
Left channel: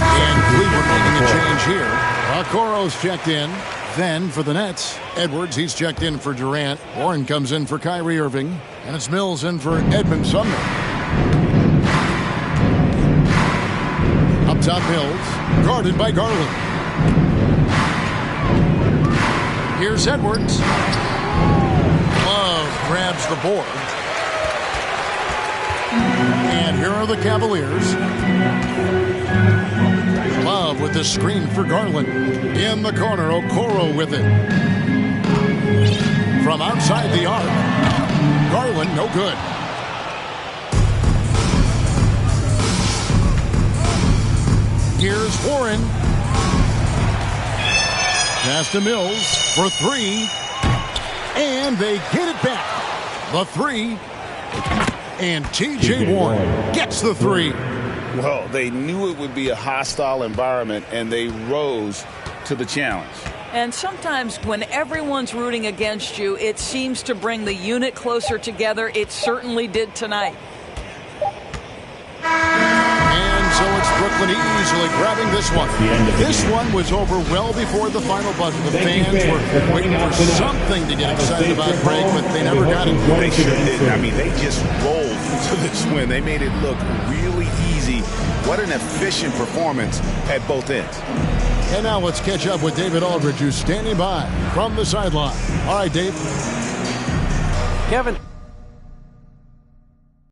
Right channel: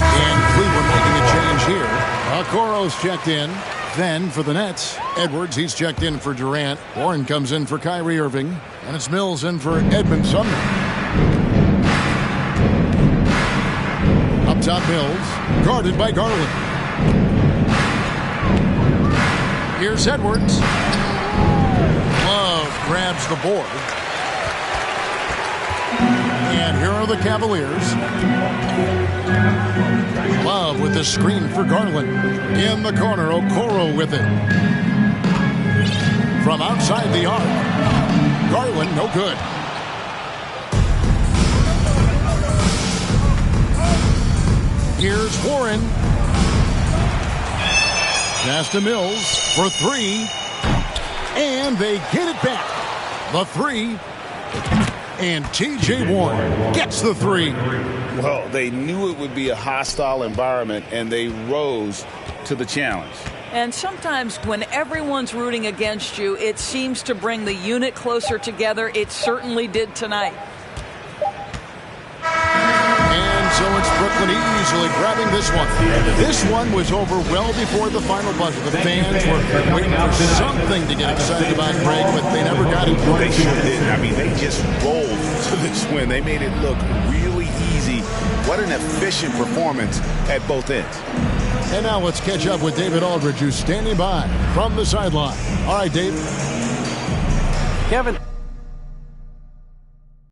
And Cleveland making a change here. Okoro's checked in. Then for the Nets, Edwards, he's checked in for Durant. Warren comes in for Kyrie Irving. And it's Mills in for Edmund Sumner. Up top, Mills, guarded by Garland. Here's Edwards. Love grabs the board. And here are the Cavaliers. Love with the screen for Garland. In the corner, Okoro with it. From outside the arc, Garland, no good. Here's Warren. Pass to Mills for 3. And they get it back. The 3. And T.J. Warren gets the 3. Well, they knew it would be a hostile environment, and they rose to the challenge. And sometimes when everyone's rooting against you, it seems to bring the unit closer together. It certainly did tonight. And so it's Brooklyn easily grabbing this one. This one was over well before the final buzzer. The fans were waiting for something to get excited about, Greg, but they never got it. They sure didn't. I mean, they just rolled to this win. They made it look really easy. What an efficient performance at both ends. And now let's catch up with David Aldridge, who's standing by from the sideline. All right, Dave. Kevin,